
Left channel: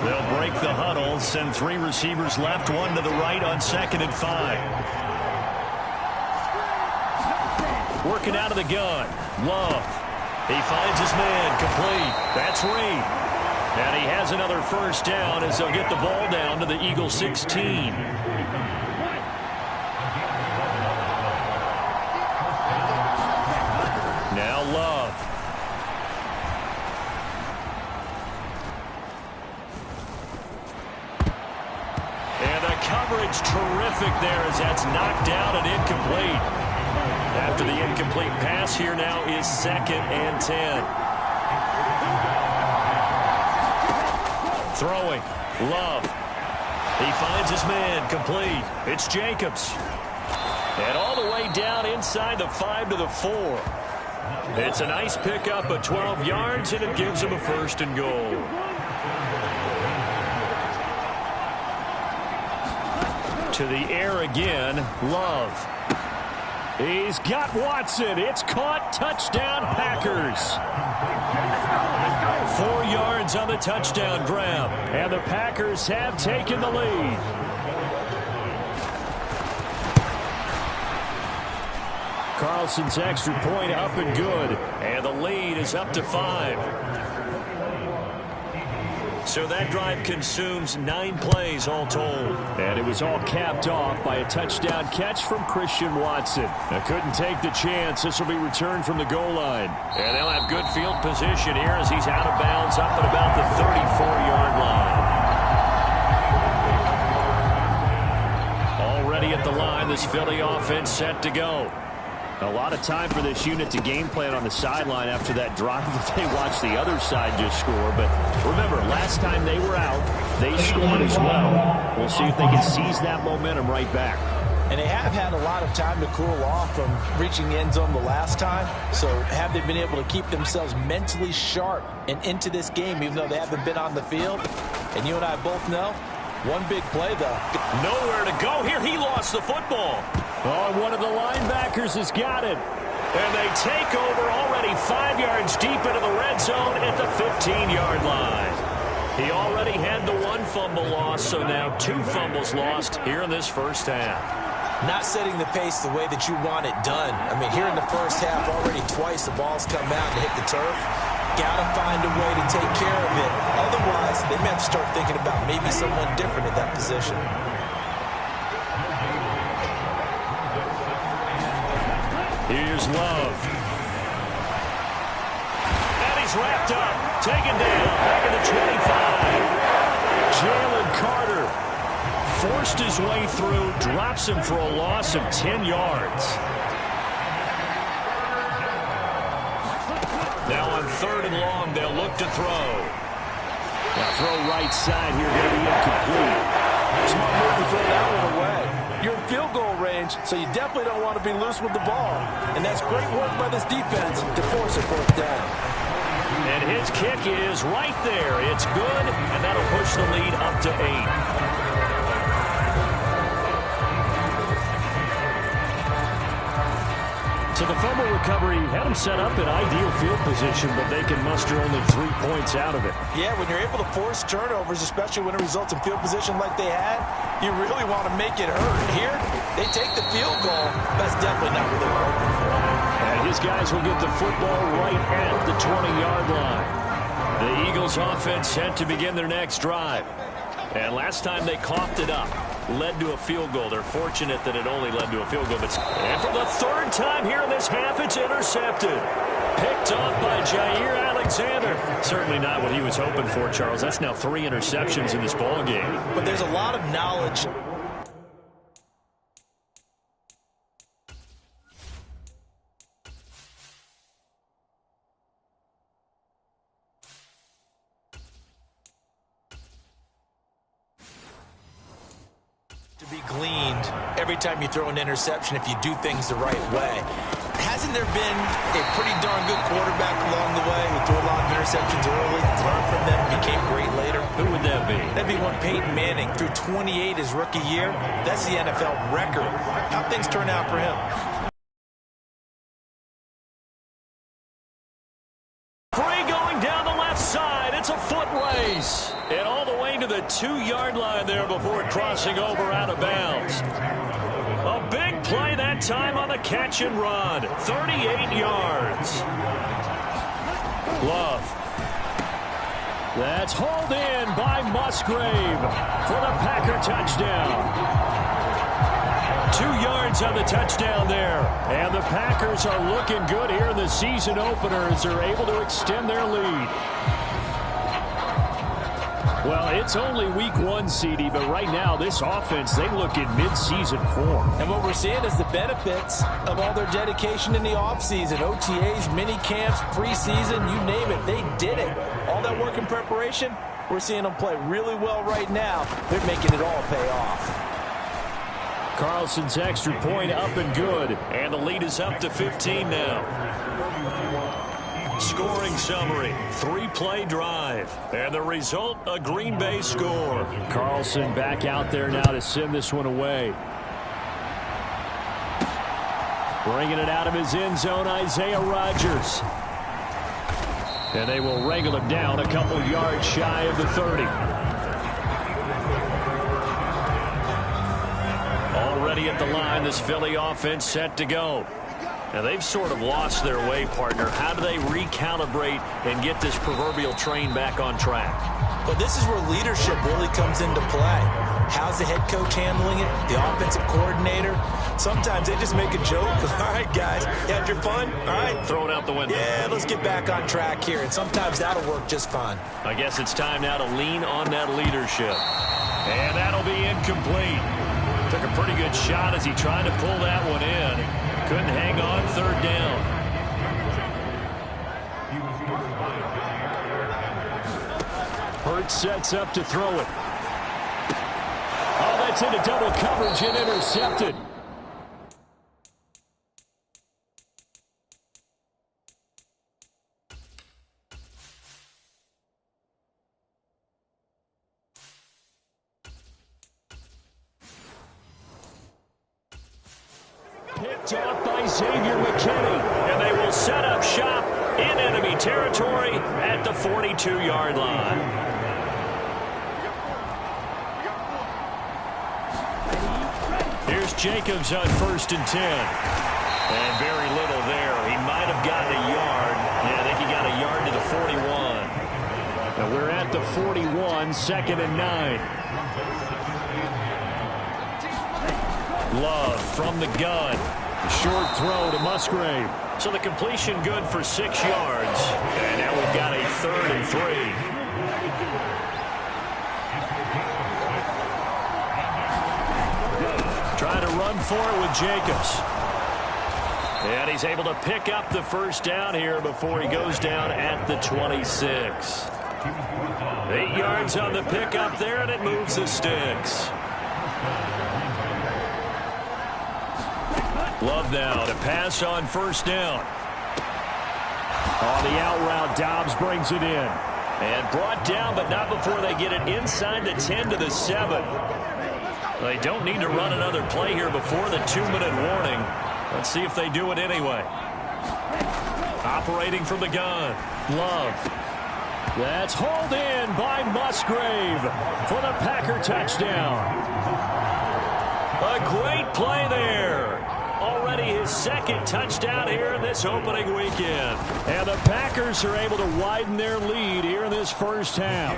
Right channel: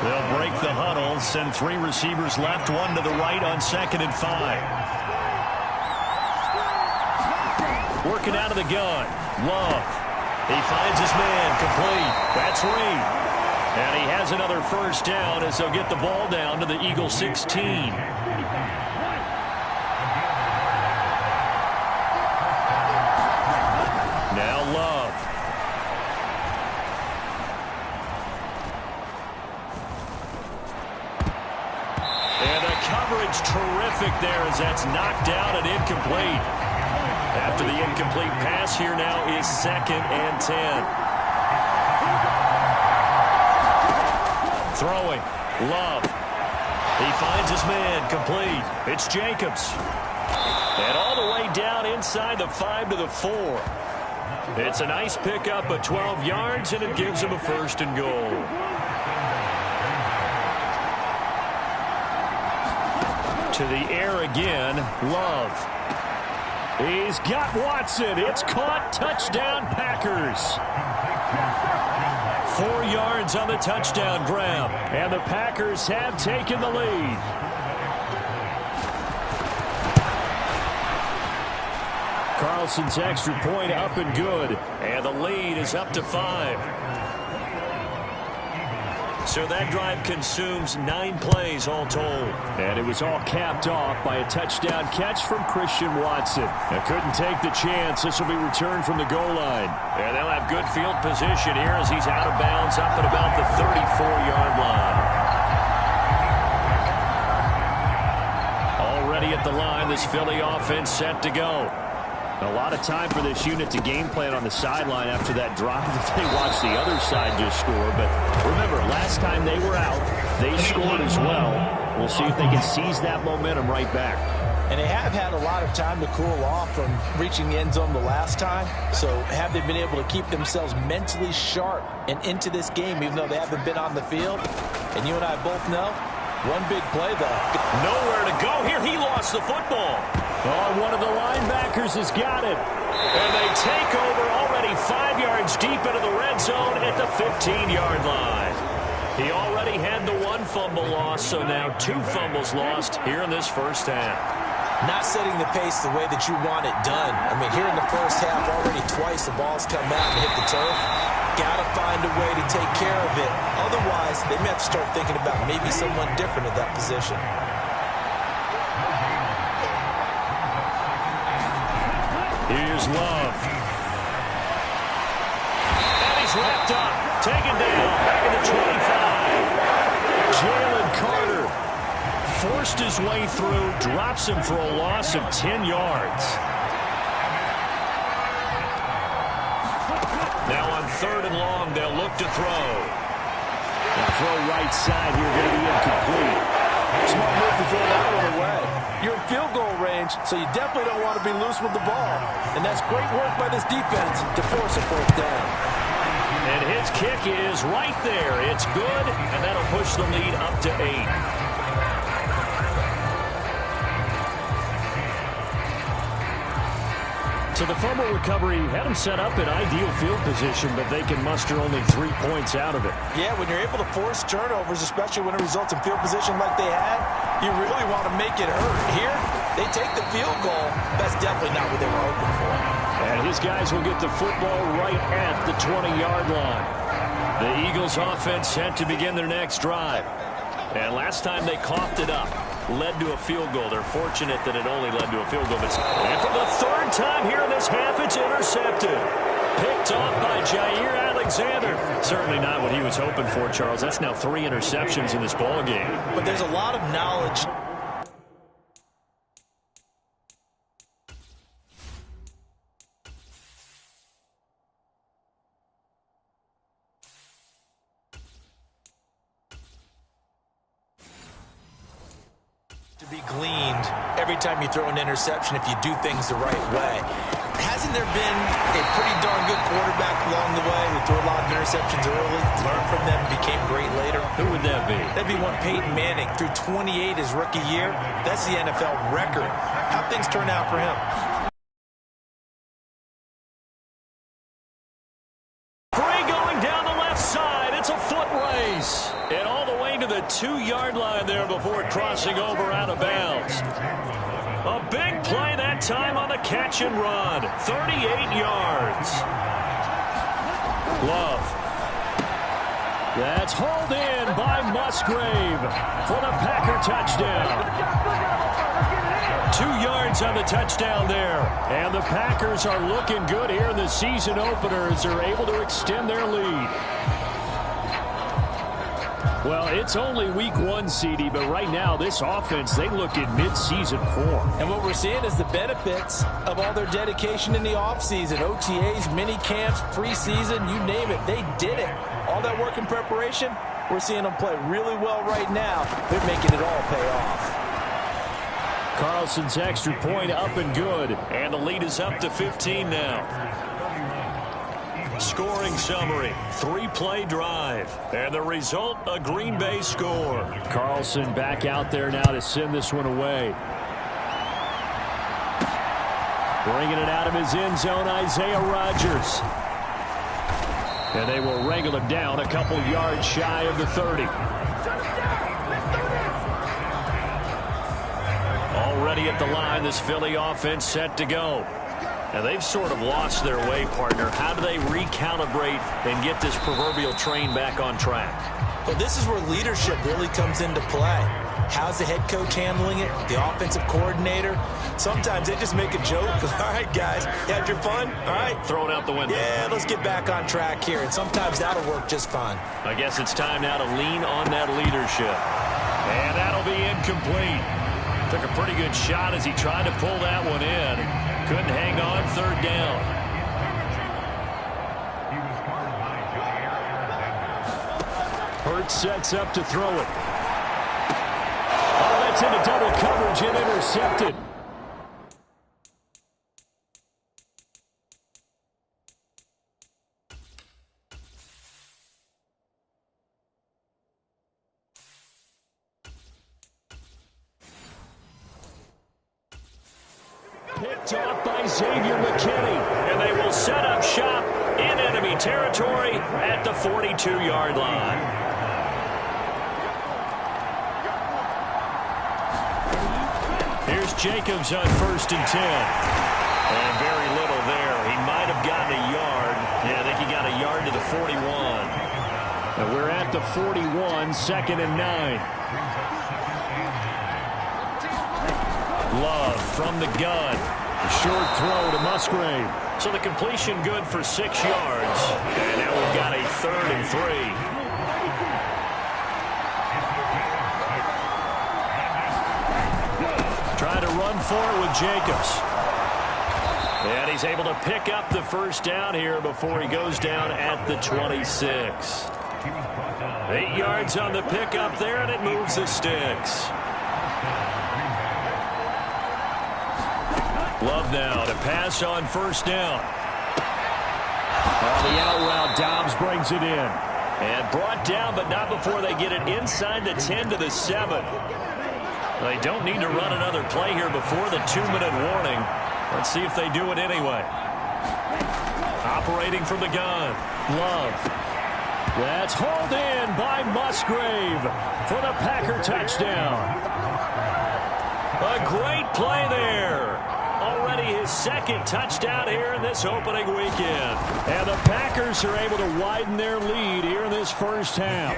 They'll break the huddle, send 3 receivers left, 1 to the right on 2nd and 5. Working out of the gun, Love. He finds his man, complete. That's Reed. And he has another 1st down as they'll get the ball down to the Eagles 16. Now Love. And the coverage terrific there as that's knocked down and incomplete. After the incomplete pass, here now is 2nd and 10. Throwing. Love. He finds his man, complete. It's Jacobs. And all the way down inside the 5 to the 4. It's a nice pickup of 12 yards, and it gives him a 1st and goal. To the air again, Love. He's got Watson. It's caught. Touchdown, Packers. 4 yards on the touchdown grab. And the Packers have taken the lead. Carlson's extra point up and good. And the lead is up to 5. So that drive consumes 9 plays all told. And it was all capped off by a touchdown catch from Christian Watson. Couldn't take the chance. This will be returned from the goal line. And they'll have good field position here as he's out of bounds up at about the 34-yard line. Already at the line, this Philly offense set to go. A lot of time for this unit to game plan on the sideline after that drive that they watched the other side just score. But remember, last time they were out, they scored as well. We'll see if they can seize that momentum right back. And they have had a lot of time to cool off from reaching the end zone the last time. So have they been able to keep themselves mentally sharp and into this game, even though they haven't been on the field? And you and I both know, one big play, though. Nowhere to go here. He lost the football. Oh, one of the linebackers has got it. And they take over already 5 yards deep into the red zone at the 15-yard line. He already had the one fumble loss, so now 2 fumbles lost here in this first half. Not setting the pace the way that you want it done. I mean, here in the first half, already twice the ball's come out and hit the turf. Got to find a way to take care of it. Otherwise, they may have to start thinking about maybe someone different at that position. Here's Love. And he's wrapped up. Taken down. Back in the 25. Jalen Carter forced his way through, drops him for a loss of 10 yards. Now on 3rd and long, they'll look to throw. Now throw right side here, going to be incomplete. Smart move to throw that one away. You're in field goal range, so you definitely don't want to be loose with the ball. And that's great work by this defense to force a 4th down. And his kick is right there. It's good, and that'll push the lead up to 8. So the fumble recovery had them set up in ideal field position, but they can muster only 3 points out of it. Yeah, when you're able to force turnovers, especially when it results in field position like they had, you really want to make it hurt. Here, they take the field goal. That's definitely not what they were hoping for. And his guys will get the football right at the 20-yard line. The Eagles offense set to begin their next drive. And last time they coughed it up, led to a field goal. They're fortunate that it only led to a field goal. And for the 3rd time here in this half, it's intercepted. Picked off by Jair Alexander. Certainly not what he was hoping for, Charles. That's now 3 interceptions in this ball game. But there's a lot of knowledge. To be gleaned every time you throw an interception if you do things the right way. Hasn't there been a pretty darn good quarterback along the way who threw a lot of interceptions early, learned from them, became great later? Who would that be? That'd be one Peyton Manning. Threw 28 his rookie year. That's the NFL record. How'd things turn out for him? Free going down the left side. It's a foot race. And all the way to the 2-yard line there before crossing over out of bounds. A big play that time on the catch and run. 38 yards. Love. That's hauled in by Musgrave for the Packer touchdown. 2 yards on the touchdown there. And the Packers are looking good here in the season opener as they're able to extend their lead. Well, it's only week 1, CD, but right now this offense, they look in mid-season form. And what we're seeing is the benefits of all their dedication in the offseason. OTAs, mini camps, preseason, you name it. They did it. All that work in preparation, we're seeing them play really well right now. They're making it all pay off. Carlson's extra point up and good. And the lead is up to 15 now. Scoring summary, 3-play drive. And the result, a Green Bay score. Carlson back out there now to send this one away. Bringing it out of his end zone, Isaiah Rodgers. And they will wrangle him down a couple yards shy of the 30. Already at the line, this Philly offense set to go. Now, they've sort of lost their way, partner. How do they recalibrate and get this proverbial train back on track? Well, this is where leadership really comes into play. How's the head coach handling it? The offensive coordinator? Sometimes they just make a joke. All right, guys, you had your fun? All right. Throw it out the window. Yeah, let's get back on track here. And sometimes that'll work just fine. I guess it's time now to lean on that leadership. And that'll be incomplete. Took a pretty good shot as he tried to pull that one in. Couldn't hang on, 3rd down. Hurts sets up to throw it. Oh, that's into double coverage and intercepted. Picked off by Xavier McKinney. And they will set up shop in enemy territory at the 42-yard line. Here's Jacobs on 1st and 10. And very little there. He might have gotten a yard. Yeah, I think he got a yard to the 41. Now we're at the 41, 2nd and 9. Love from the gun. Short throw to Musgrave. So the completion good for 6 yards. And now we've got a 3rd and 3. Trying to run for it with Jacobs. And he's able to pick up the first down here before he goes down at the 26. 8 yards on the pickup there, and it moves the sticks. Love now to pass on 1st down. On the out route, Dobbs brings it in. And brought down, but not before they get it inside the 10 to the 7. They don't need to run another play here before the 2-minute warning. Let's see if they do it anyway. Operating from the gun. Love. That's hauled in by Musgrave for the Packer touchdown. A great play there. Already his 2nd touchdown here in this opening weekend. And the Packers are able to widen their lead here in this first half.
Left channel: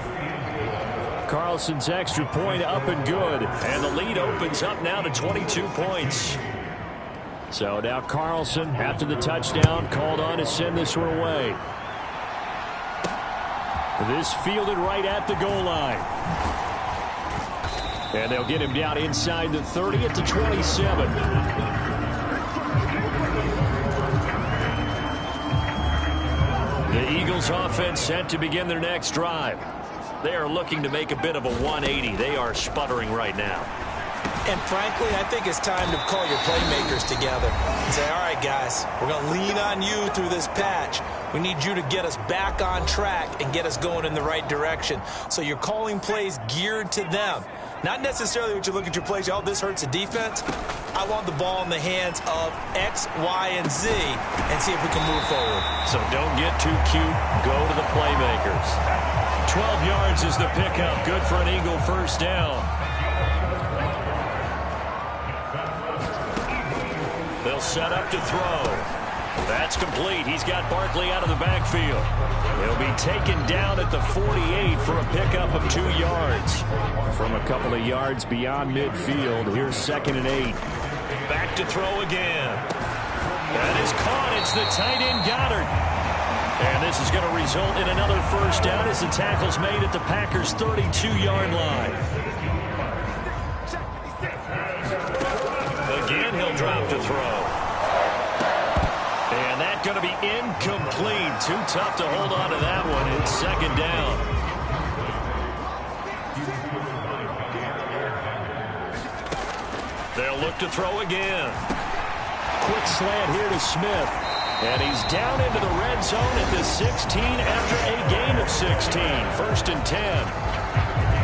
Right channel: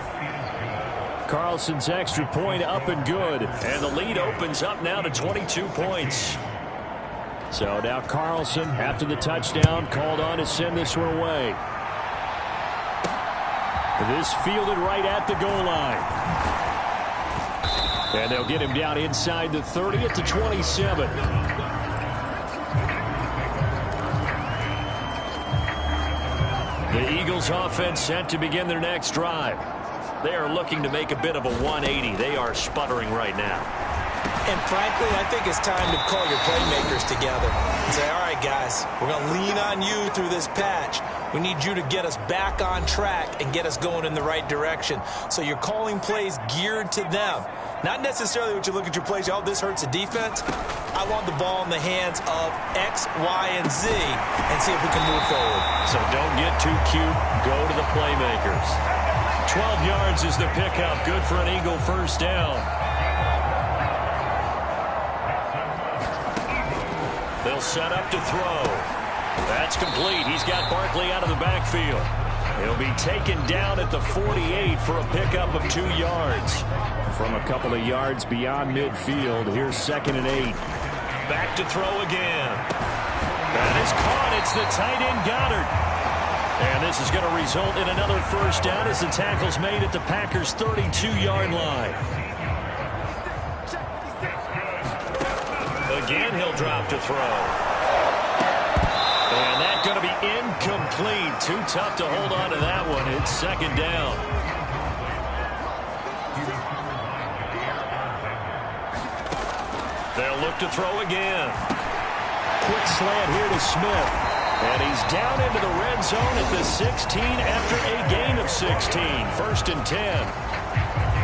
Carlson's extra point up and good. And the lead opens up now to 22 points. So now Carlson, after the touchdown, called on to send this one away. This fielded right at the goal line. And they'll get him down inside the 30 at the 27. The Eagles offense set to begin their next drive. They are looking to make a bit of a 180. They are sputtering right now. And frankly, I think it's time to call your playmakers together and say, all right, guys, we're going to lean on you through this patch. We need you to get us back on track and get us going in the right direction. So you're calling plays geared to them. Not necessarily what you look at your plays, oh, this hurts the defense. I want the ball in the hands of X, Y, and Z and see if we can move forward. So don't get too cute. Go to the playmakers. 12 yards is the pickup. Good for an Eagle first down. They'll set up to throw. That's complete. He's got Barkley out of the backfield. He'll be taken down at the 48 for a pickup of 2 yards. From a couple of yards beyond midfield, here's 2nd and 8. Back to throw again. That is caught. It's the tight end Goddard. And this is going to result in another first down as the tackle's made at the Packers' 32-yard line. Again, he'll drop to throw. And that's going to be incomplete. Too tough to hold on to that one. It's 2nd down. They'll look to throw again. Quick slant here to Smith. And he's down into the red zone at the 16 after a gain of 16. 1st and 10.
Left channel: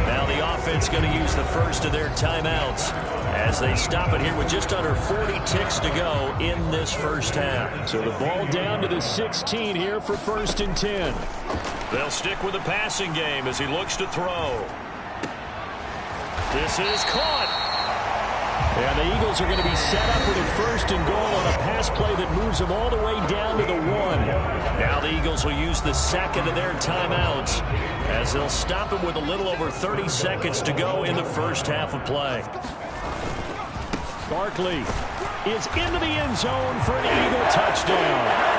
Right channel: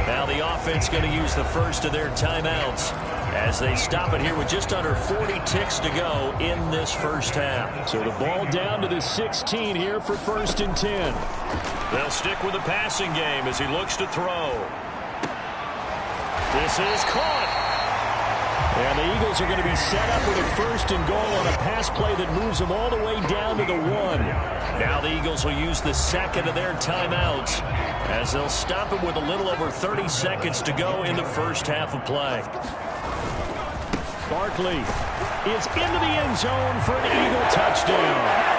Now the offense going to use the first of their timeouts as they stop it here with just under 40 ticks to go in this first half. So the ball down to the 16 here for 1st and 10. They'll stick with the passing game as he looks to throw. This is caught. And the Eagles are going to be set up with a 1st and goal on a pass play that moves them all the way down to the 1. Now the Eagles will use the 2nd of their timeouts as they'll stop it with a little over 30 seconds to go in the first half of play. Barkley is into the end zone for an Eagle touchdown.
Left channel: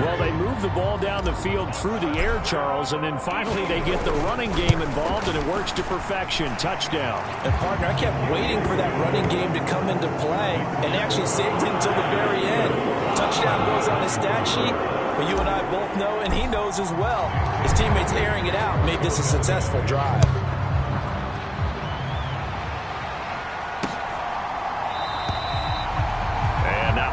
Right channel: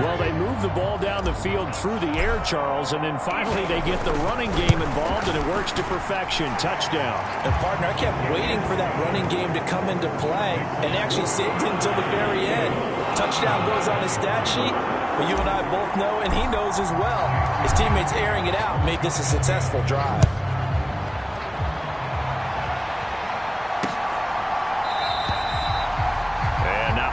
Well, they move the ball down the field through the air, Charles, and then finally they get the running game involved, and it works to perfection. Touchdown. And, partner, I kept waiting for that running game to come into play and actually saved it until the very end. Touchdown goes on his stat sheet, but you and I both know, and he knows as well, his teammates airing it out made this a successful drive.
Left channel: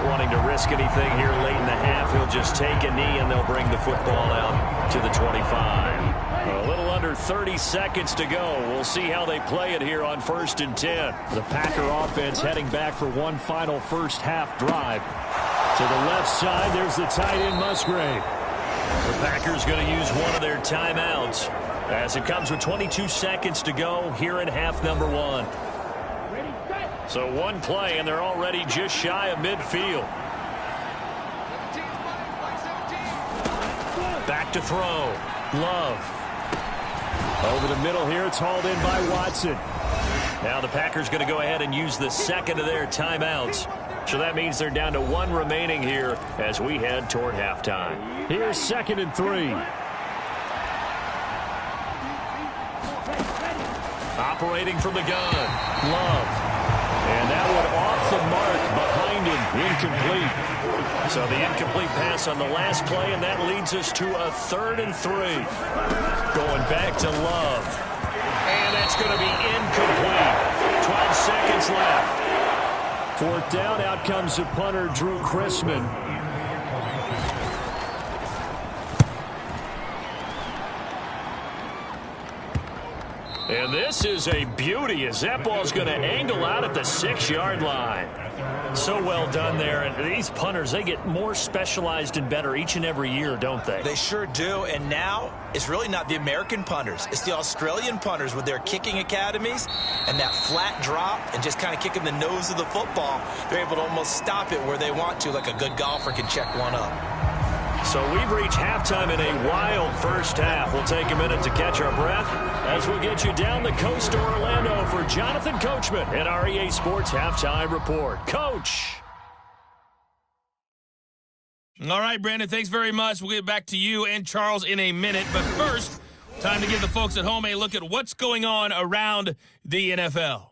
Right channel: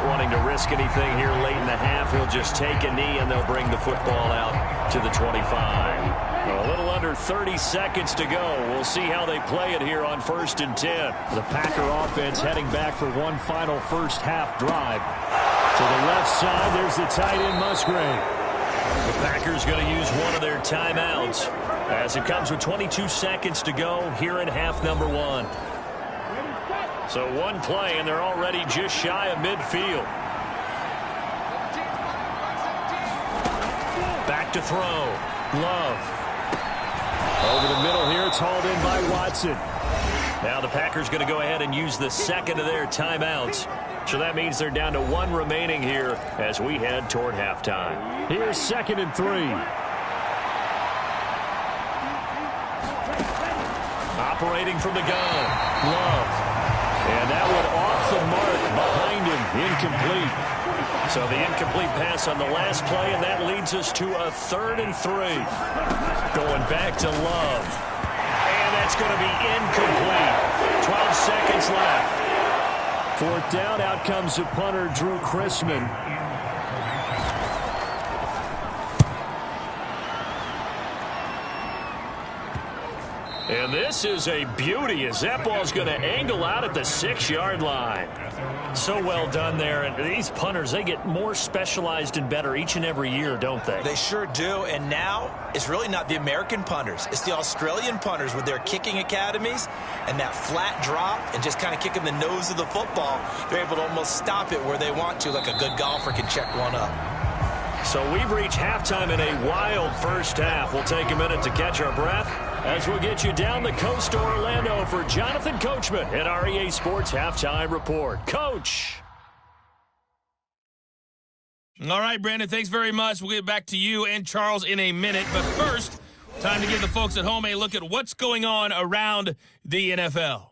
Wanting to risk anything here late in the half, he'll just take a knee and they'll bring the football out to the 25. A little under 30 seconds to go. We'll see how they play it here on 1st and 10. The Packer offense heading back for one final first half drive. To the left side, there's the tight end Musgrave. The Packers going to use one of their timeouts as it comes with 22 seconds to go here in half number 1. So one play, and they're already just shy of midfield. Back to throw. Love. Over the middle here, it's hauled in by Watson. Now the Packers going to go ahead and use the second of their timeouts. So that means they're down to one remaining here as we head toward halftime. Here's 2nd and 3. Operating from the gun. Love. And that one off the mark behind him. Incomplete. So the incomplete pass on the last play, and that leads us to a 3rd and 3. Going back to Love. And that's going to be incomplete. 12 seconds left. 4th down, out comes the punter, Drew Chrisman. And this is a beauty as that ball's going to angle out at the 6-yard line. So well done there. And these punters, they get more specialized and better each and every year, don't they? They sure do. And now it's really not the American punters. It's the Australian punters with their kicking academies and that flat drop and just kind of kicking the nose of the football. They're able to almost stop it where they want to, like a good golfer can check one up. So we've reached halftime in a wild first half. We'll take a minute to catch our breath as we'll get you down the coast to Orlando for Jonathan Coachman at our EA Sports Halftime Report. Coach. All right, Brandon, thanks very much. We'll get back to you and Charles in a minute. But first, time to give the folks at home a look at what's going on around the NFL.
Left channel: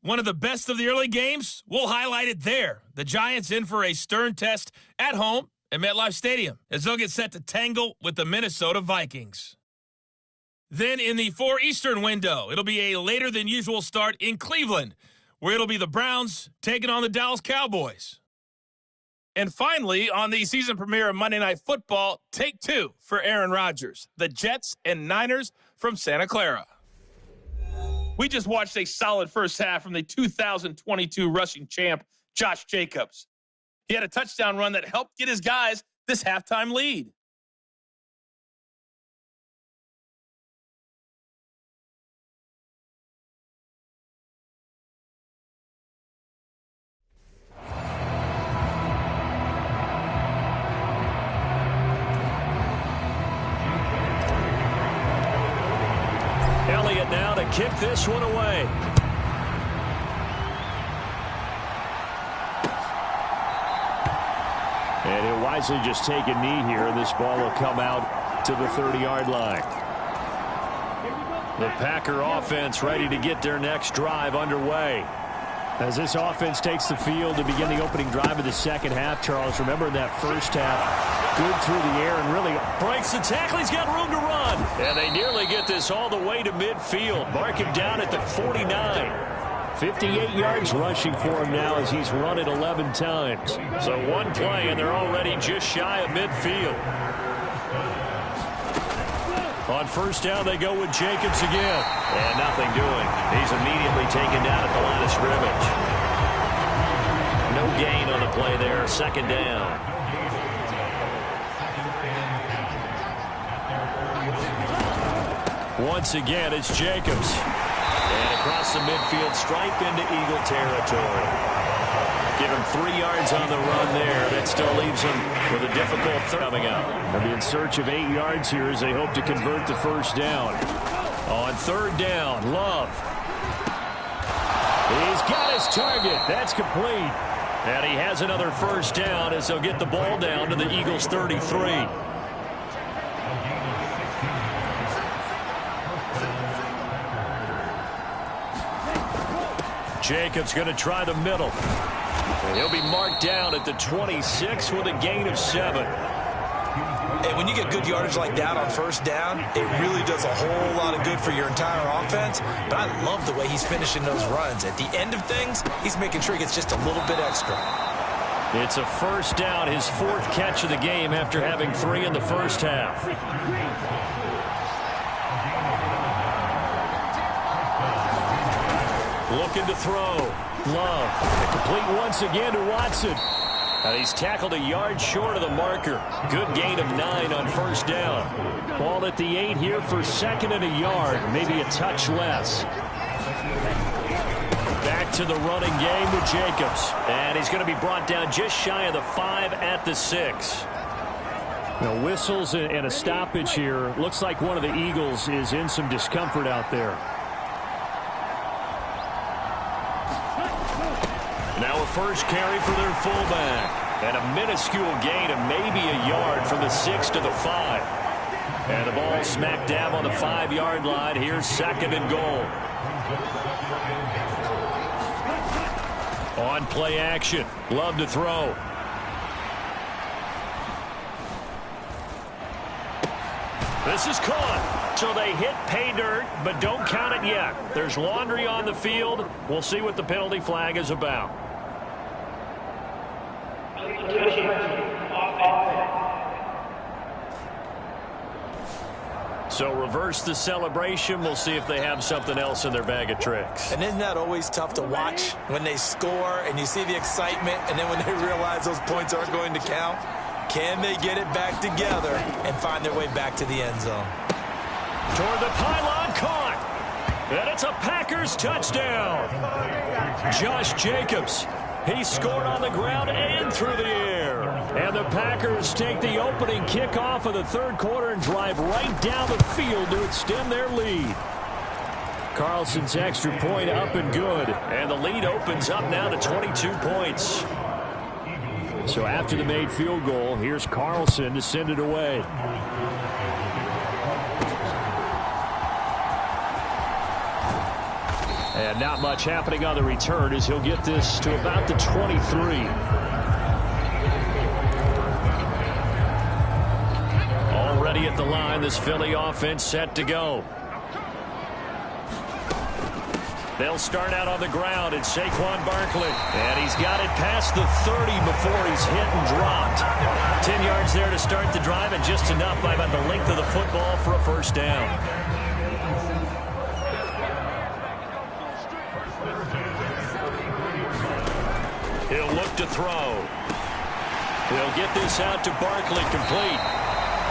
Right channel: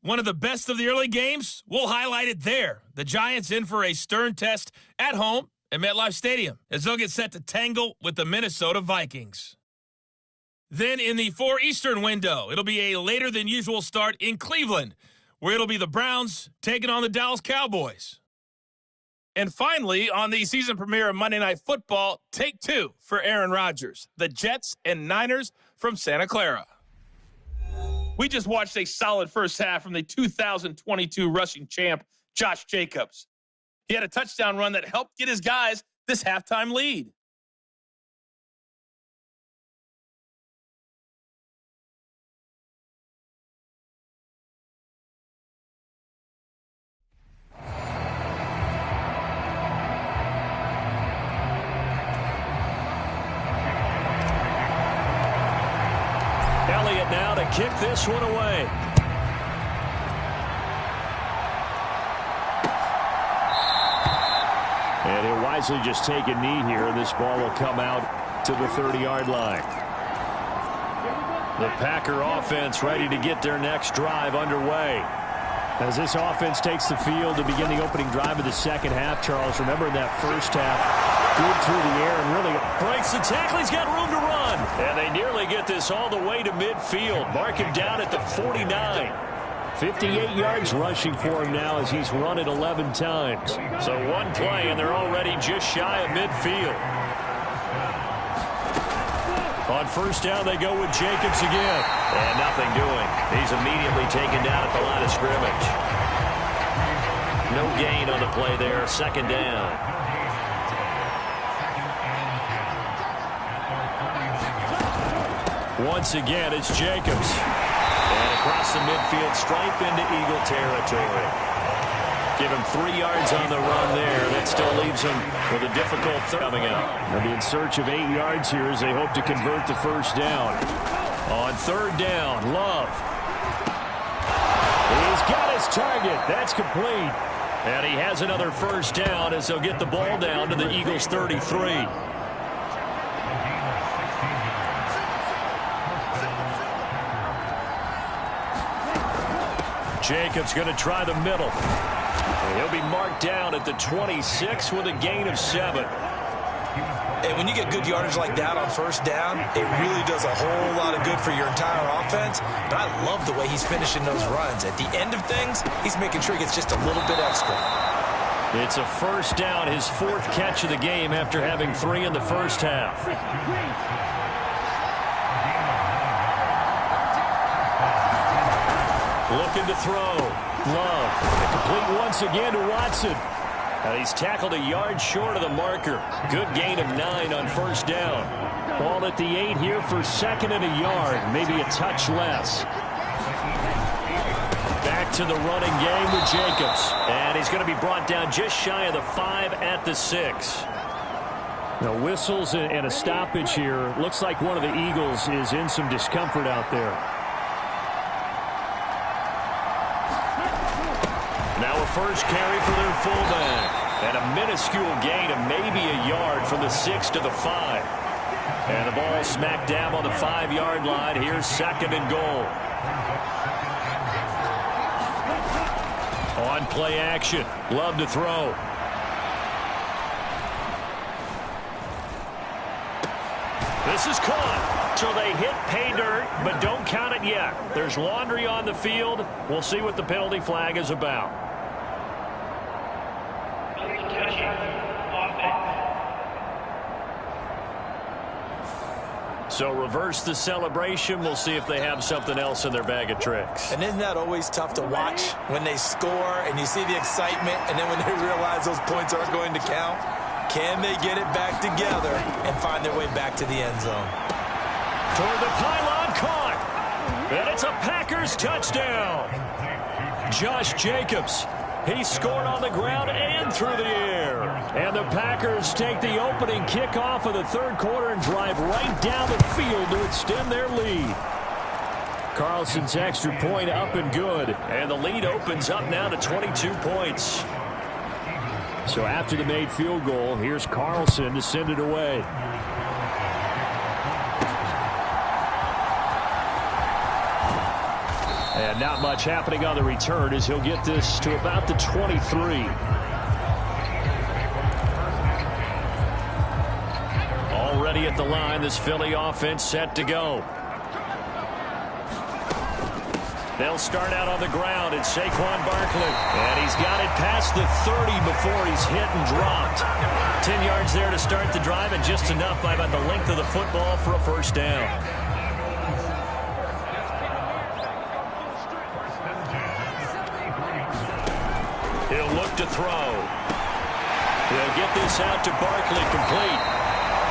One of the best of the early games, we'll highlight it there. The Giants in for a stern test at home at MetLife Stadium as they'll get set to tangle with the Minnesota Vikings. Then in the 4 Eastern window, it'll be a later than usual start in Cleveland, where it'll be the Browns taking on the Dallas Cowboys. And finally, on the season premiere of Monday Night Football, take 2 for Aaron Rodgers, the Jets and Niners from Santa Clara. We just watched a solid first half from the 2022 rushing champ, Josh Jacobs. He had a touchdown run that helped get his guys this halftime lead. Elliott now to kick this one away. And he'll wisely just take a knee here, and this ball will come out to the 30-yard line. The Packer offense ready to get their next drive underway. As this offense takes the field to begin the opening drive of the second half, Charles, remember in that first half, good through the air and really breaks the tackle. He's got room to run. And they nearly get this all the way to midfield. Mark him down at the 49. 58 yards rushing for him now as he's run it 11 times. So one play, and they're already just shy of midfield. On first down, they go with Jacobs again. And nothing doing. He's immediately taken down at the line of scrimmage. No gain on the play there. Second down. Once again, it's Jacobs. And across the midfield stripe into Eagle territory. Give him 3 yards on the run there. That still leaves him with a difficult third coming out. They'll be in search of 8 yards here as they hope to convert the first down. On third down, Love. He's got his target. That's complete. And he has another first down as they'll get the ball down to the Eagles' 33. Jacobs going to try the middle. And he'll be marked down at the 26 with a gain of 7. And when you get good yardage like that on first down, it really does a whole lot of good for your entire offense. But I love the way he's finishing those runs. At the end of things, he's making sure he gets just a little bit extra. It's a first down, his 4th catch of the game after having 3 in the first half. Looking to throw. Love. Complete once again to Watson. And he's tackled a yard short of the marker. Good gain of 9 on first down. Ball at the 8 here for second and a yard, maybe a touch less. Back to the running game with Jacobs. And he's going to be brought down just shy of the 5 at the 6. Now, whistles and a stoppage here. Looks like one of the Eagles is in some discomfort out there. Now a first carry for their fullback. And a minuscule gain of maybe a yard from the 6 to the 5. And the ball smack dab on the 5-yard line. Here's second and goal. On play action. Love to throw. This is caught. So they hit pay dirt, but don't count it yet. There's laundry on the field. We'll see what the penalty flag is about. So reverse the celebration. We'll see if they have something else in their bag of tricks. And isn't that always tough to watch when they score and you see the excitement, and then when they realize those points aren't going to count? Can they get it back together and find their way back to the end zone? Toward the pylon, caught. And it's a Packers touchdown. Josh Jacobs. He scored on the ground and through the air. And the Packers take the opening kickoff of the third quarter and drive right down the field to extend their lead. Carlson's extra point up and good. And the lead opens up now to 22 points. So after the made field goal, here's Carlson to send it away. And not much happening on the return as he'll get this to about the 23. Already at the line, this Philly offense set to go. They'll start out on the ground. It's Saquon Barkley. And he's got it past the 30 before he's hit and dropped. 10 yards there to start the drive, and just enough by about the length of the football for a first down. He'll look to throw. They'll get this out to Barkley, complete.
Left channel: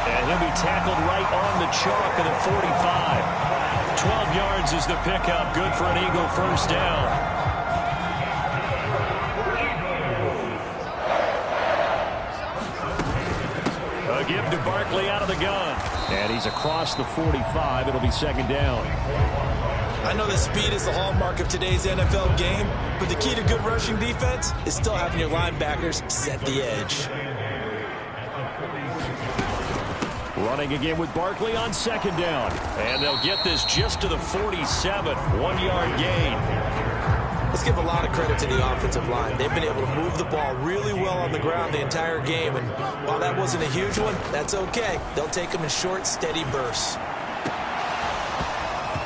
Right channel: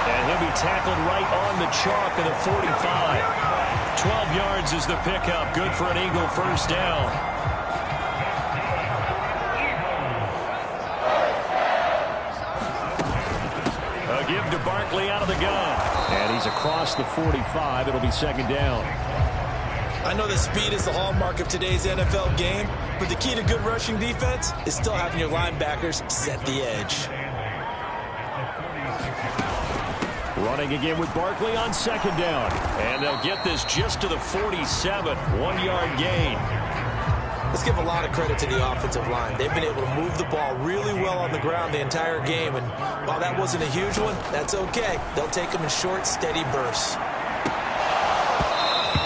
And he'll be tackled right on the chalk of the 45. 12 yards is the pickup. Good for an Eagle first down. A give to Barkley out of the gun. And he's across the 45. It'll be second down. I know that speed is the hallmark of today's NFL game, but the key to good rushing defense is still having your linebackers set the edge. Running again with Barkley on second down. And they'll get this just to the 47. 1-yard gain. Let's give a lot of credit to the offensive line. They've been able to move the ball really well on the ground the entire game. And while that wasn't a huge one, that's okay. They'll take them in short, steady bursts.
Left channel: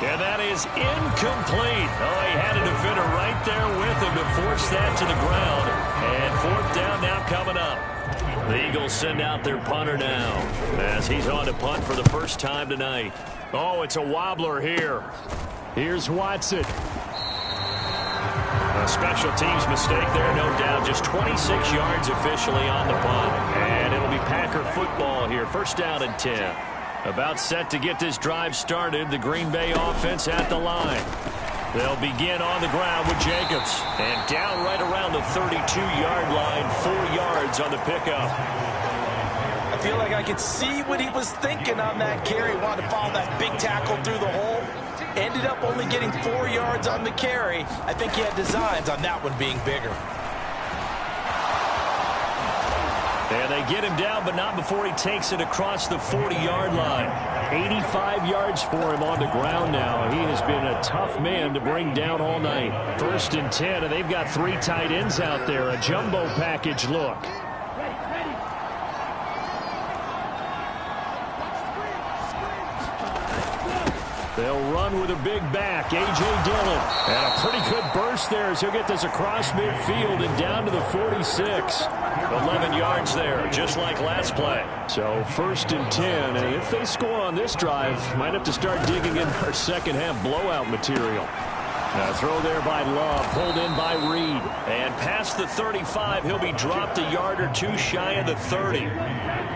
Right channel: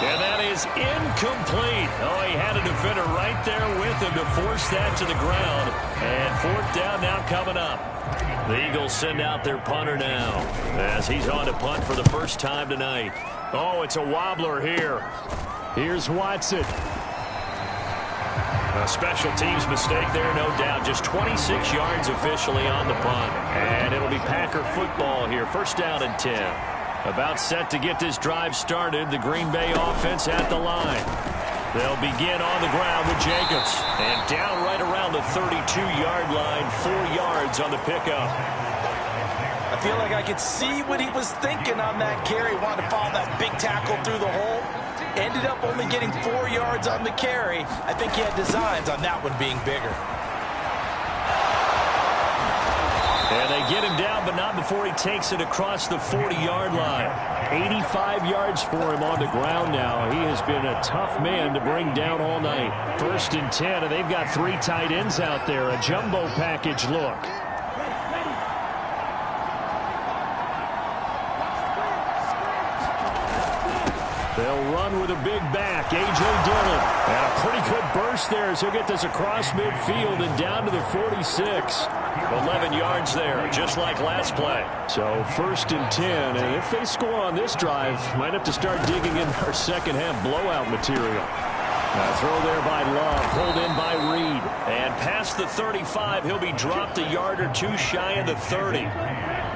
And that is incomplete. Oh, he had a defender right there with him to force that to the ground. And fourth down now coming up. The Eagles send out their punter now as he's on to punt for the first time tonight. Oh, it's a wobbler here. Here's Watson. A special teams mistake there, no doubt. Just 26 yards officially on the punt. And it'll be Packer football here. First down and 10. About set to get this drive started. The Green Bay offense at the line. They'll begin on the ground with Jacobs. And down right around the 32-yard line. 4 yards on the pickup. I feel like I could see what he was thinking on that carry. Wanted to follow that big tackle through the hole. Ended up only getting 4 yards on the carry. I think he had designs on that one being bigger. And they get him down, but not before he takes it across the 40-yard line. 85 yards for him on the ground now. He has been a tough man to bring down all night. First and 10, and they've got 3 tight ends out there. A jumbo package look. They'll run with a big back, A.J. Dillon. And a pretty good burst there as he'll get this across midfield and down to the 46. 11 yards there, just like last play. So first and 10, and if they score on this drive, might have to start digging in our second half blowout material. Throw there by Love, pulled in by Reed. And past the 35, he'll be dropped a yard or two shy of the 30.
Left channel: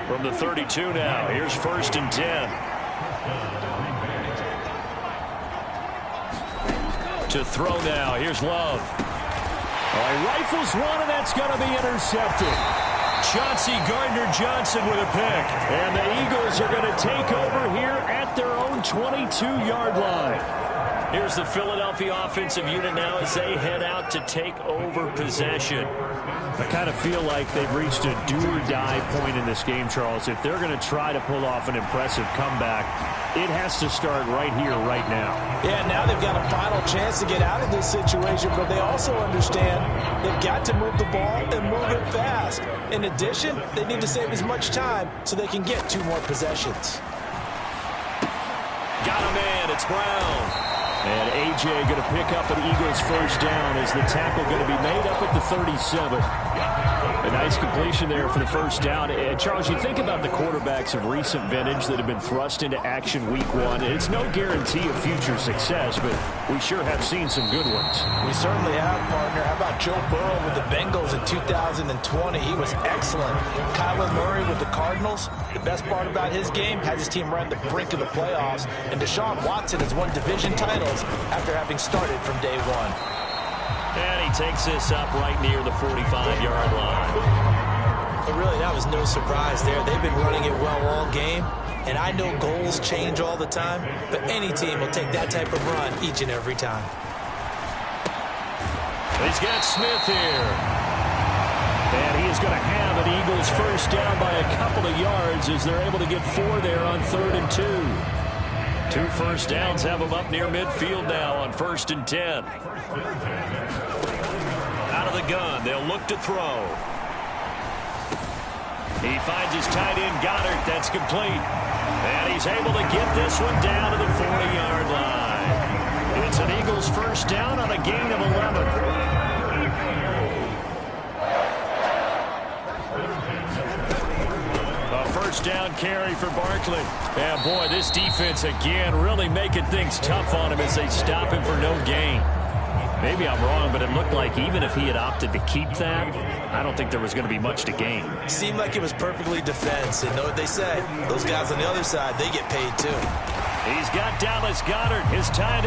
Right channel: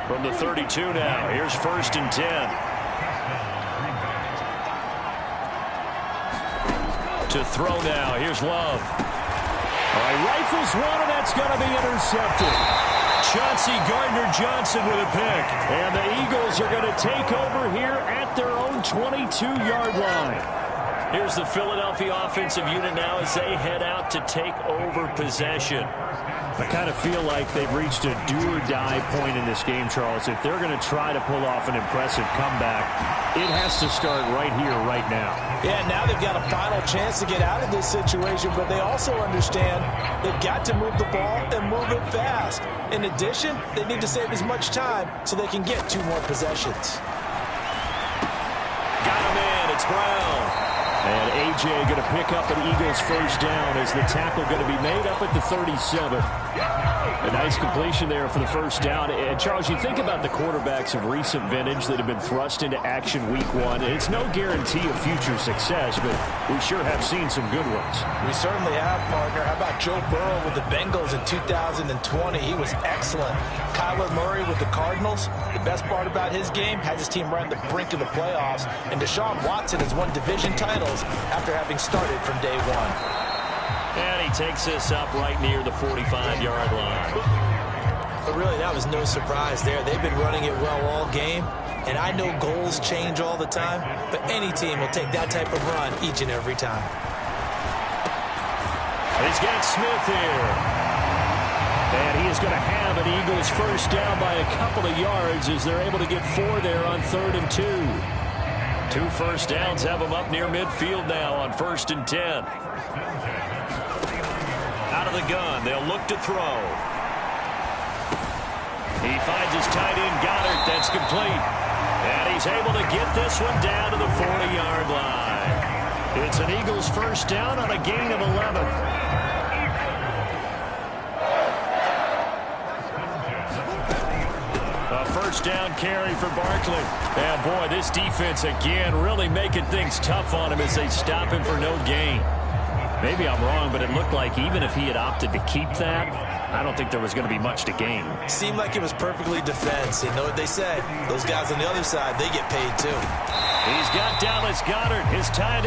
From the 32 now, here's 1st and 10. To throw now, here's Love. All right, rifles one, and that's going to be intercepted. Chauncey Gardner-Johnson with a pick. And the Eagles are going to take over here at their own 22-yard line. Here's the Philadelphia offensive unit now as they head out to take over possession. I kind of feel like they've reached a do-or-die point in this game, Charles. If they're going to try to pull off an impressive comeback, it has to start right here, right now. Yeah, now they've got a final chance to get out of this situation, but they also understand they've got to move the ball and move it fast. In addition, they need to save as much time so they can get 2 more possessions. Got a man, it's Brown. And A.J. going to pick up an Eagles first down as the tackle going to be made up at the 37. A nice completion there for the first down. And Charles, you think about the quarterbacks of recent vintage that have been thrust into action week 1. It's no guarantee of future success, but we sure have seen some good ones. We certainly have, partner. How about Joe Burrow with the Bengals in 2020? He was excellent. Kyler Murray with the Cardinals. The best part about his game, has his team right on the brink of the playoffs. And Deshaun Watson has won division titles after having started from day 1. And he takes this up right near the 45-yard line. But really, that was no surprise there. They've been running it well all game. And I know goals change all the time, but any team will take that type of run each and every time. He's got Smith here. And he is going to have an Eagles first down by a couple of yards as they're able to get 4 there on 3rd and 2. 2 first downs have them up near midfield now on 1st and 10. Out of the gun, they'll look to throw. He finds his tight end, Goddard. That's complete. And he's able to get this one down to the 40-yard line. It's an Eagles first down on a gain of 11. A first down carry for Barkley. And boy, this defense again really making things tough on him as they stop him for no gain. Maybe I'm wrong, but it looked like even if he had opted to keep that, I don't think there was going to be much to gain. Seemed like it was perfectly defense. And know what they say? Those guys on the other side, they get paid too. He's got Dallas Goedert, his tight end.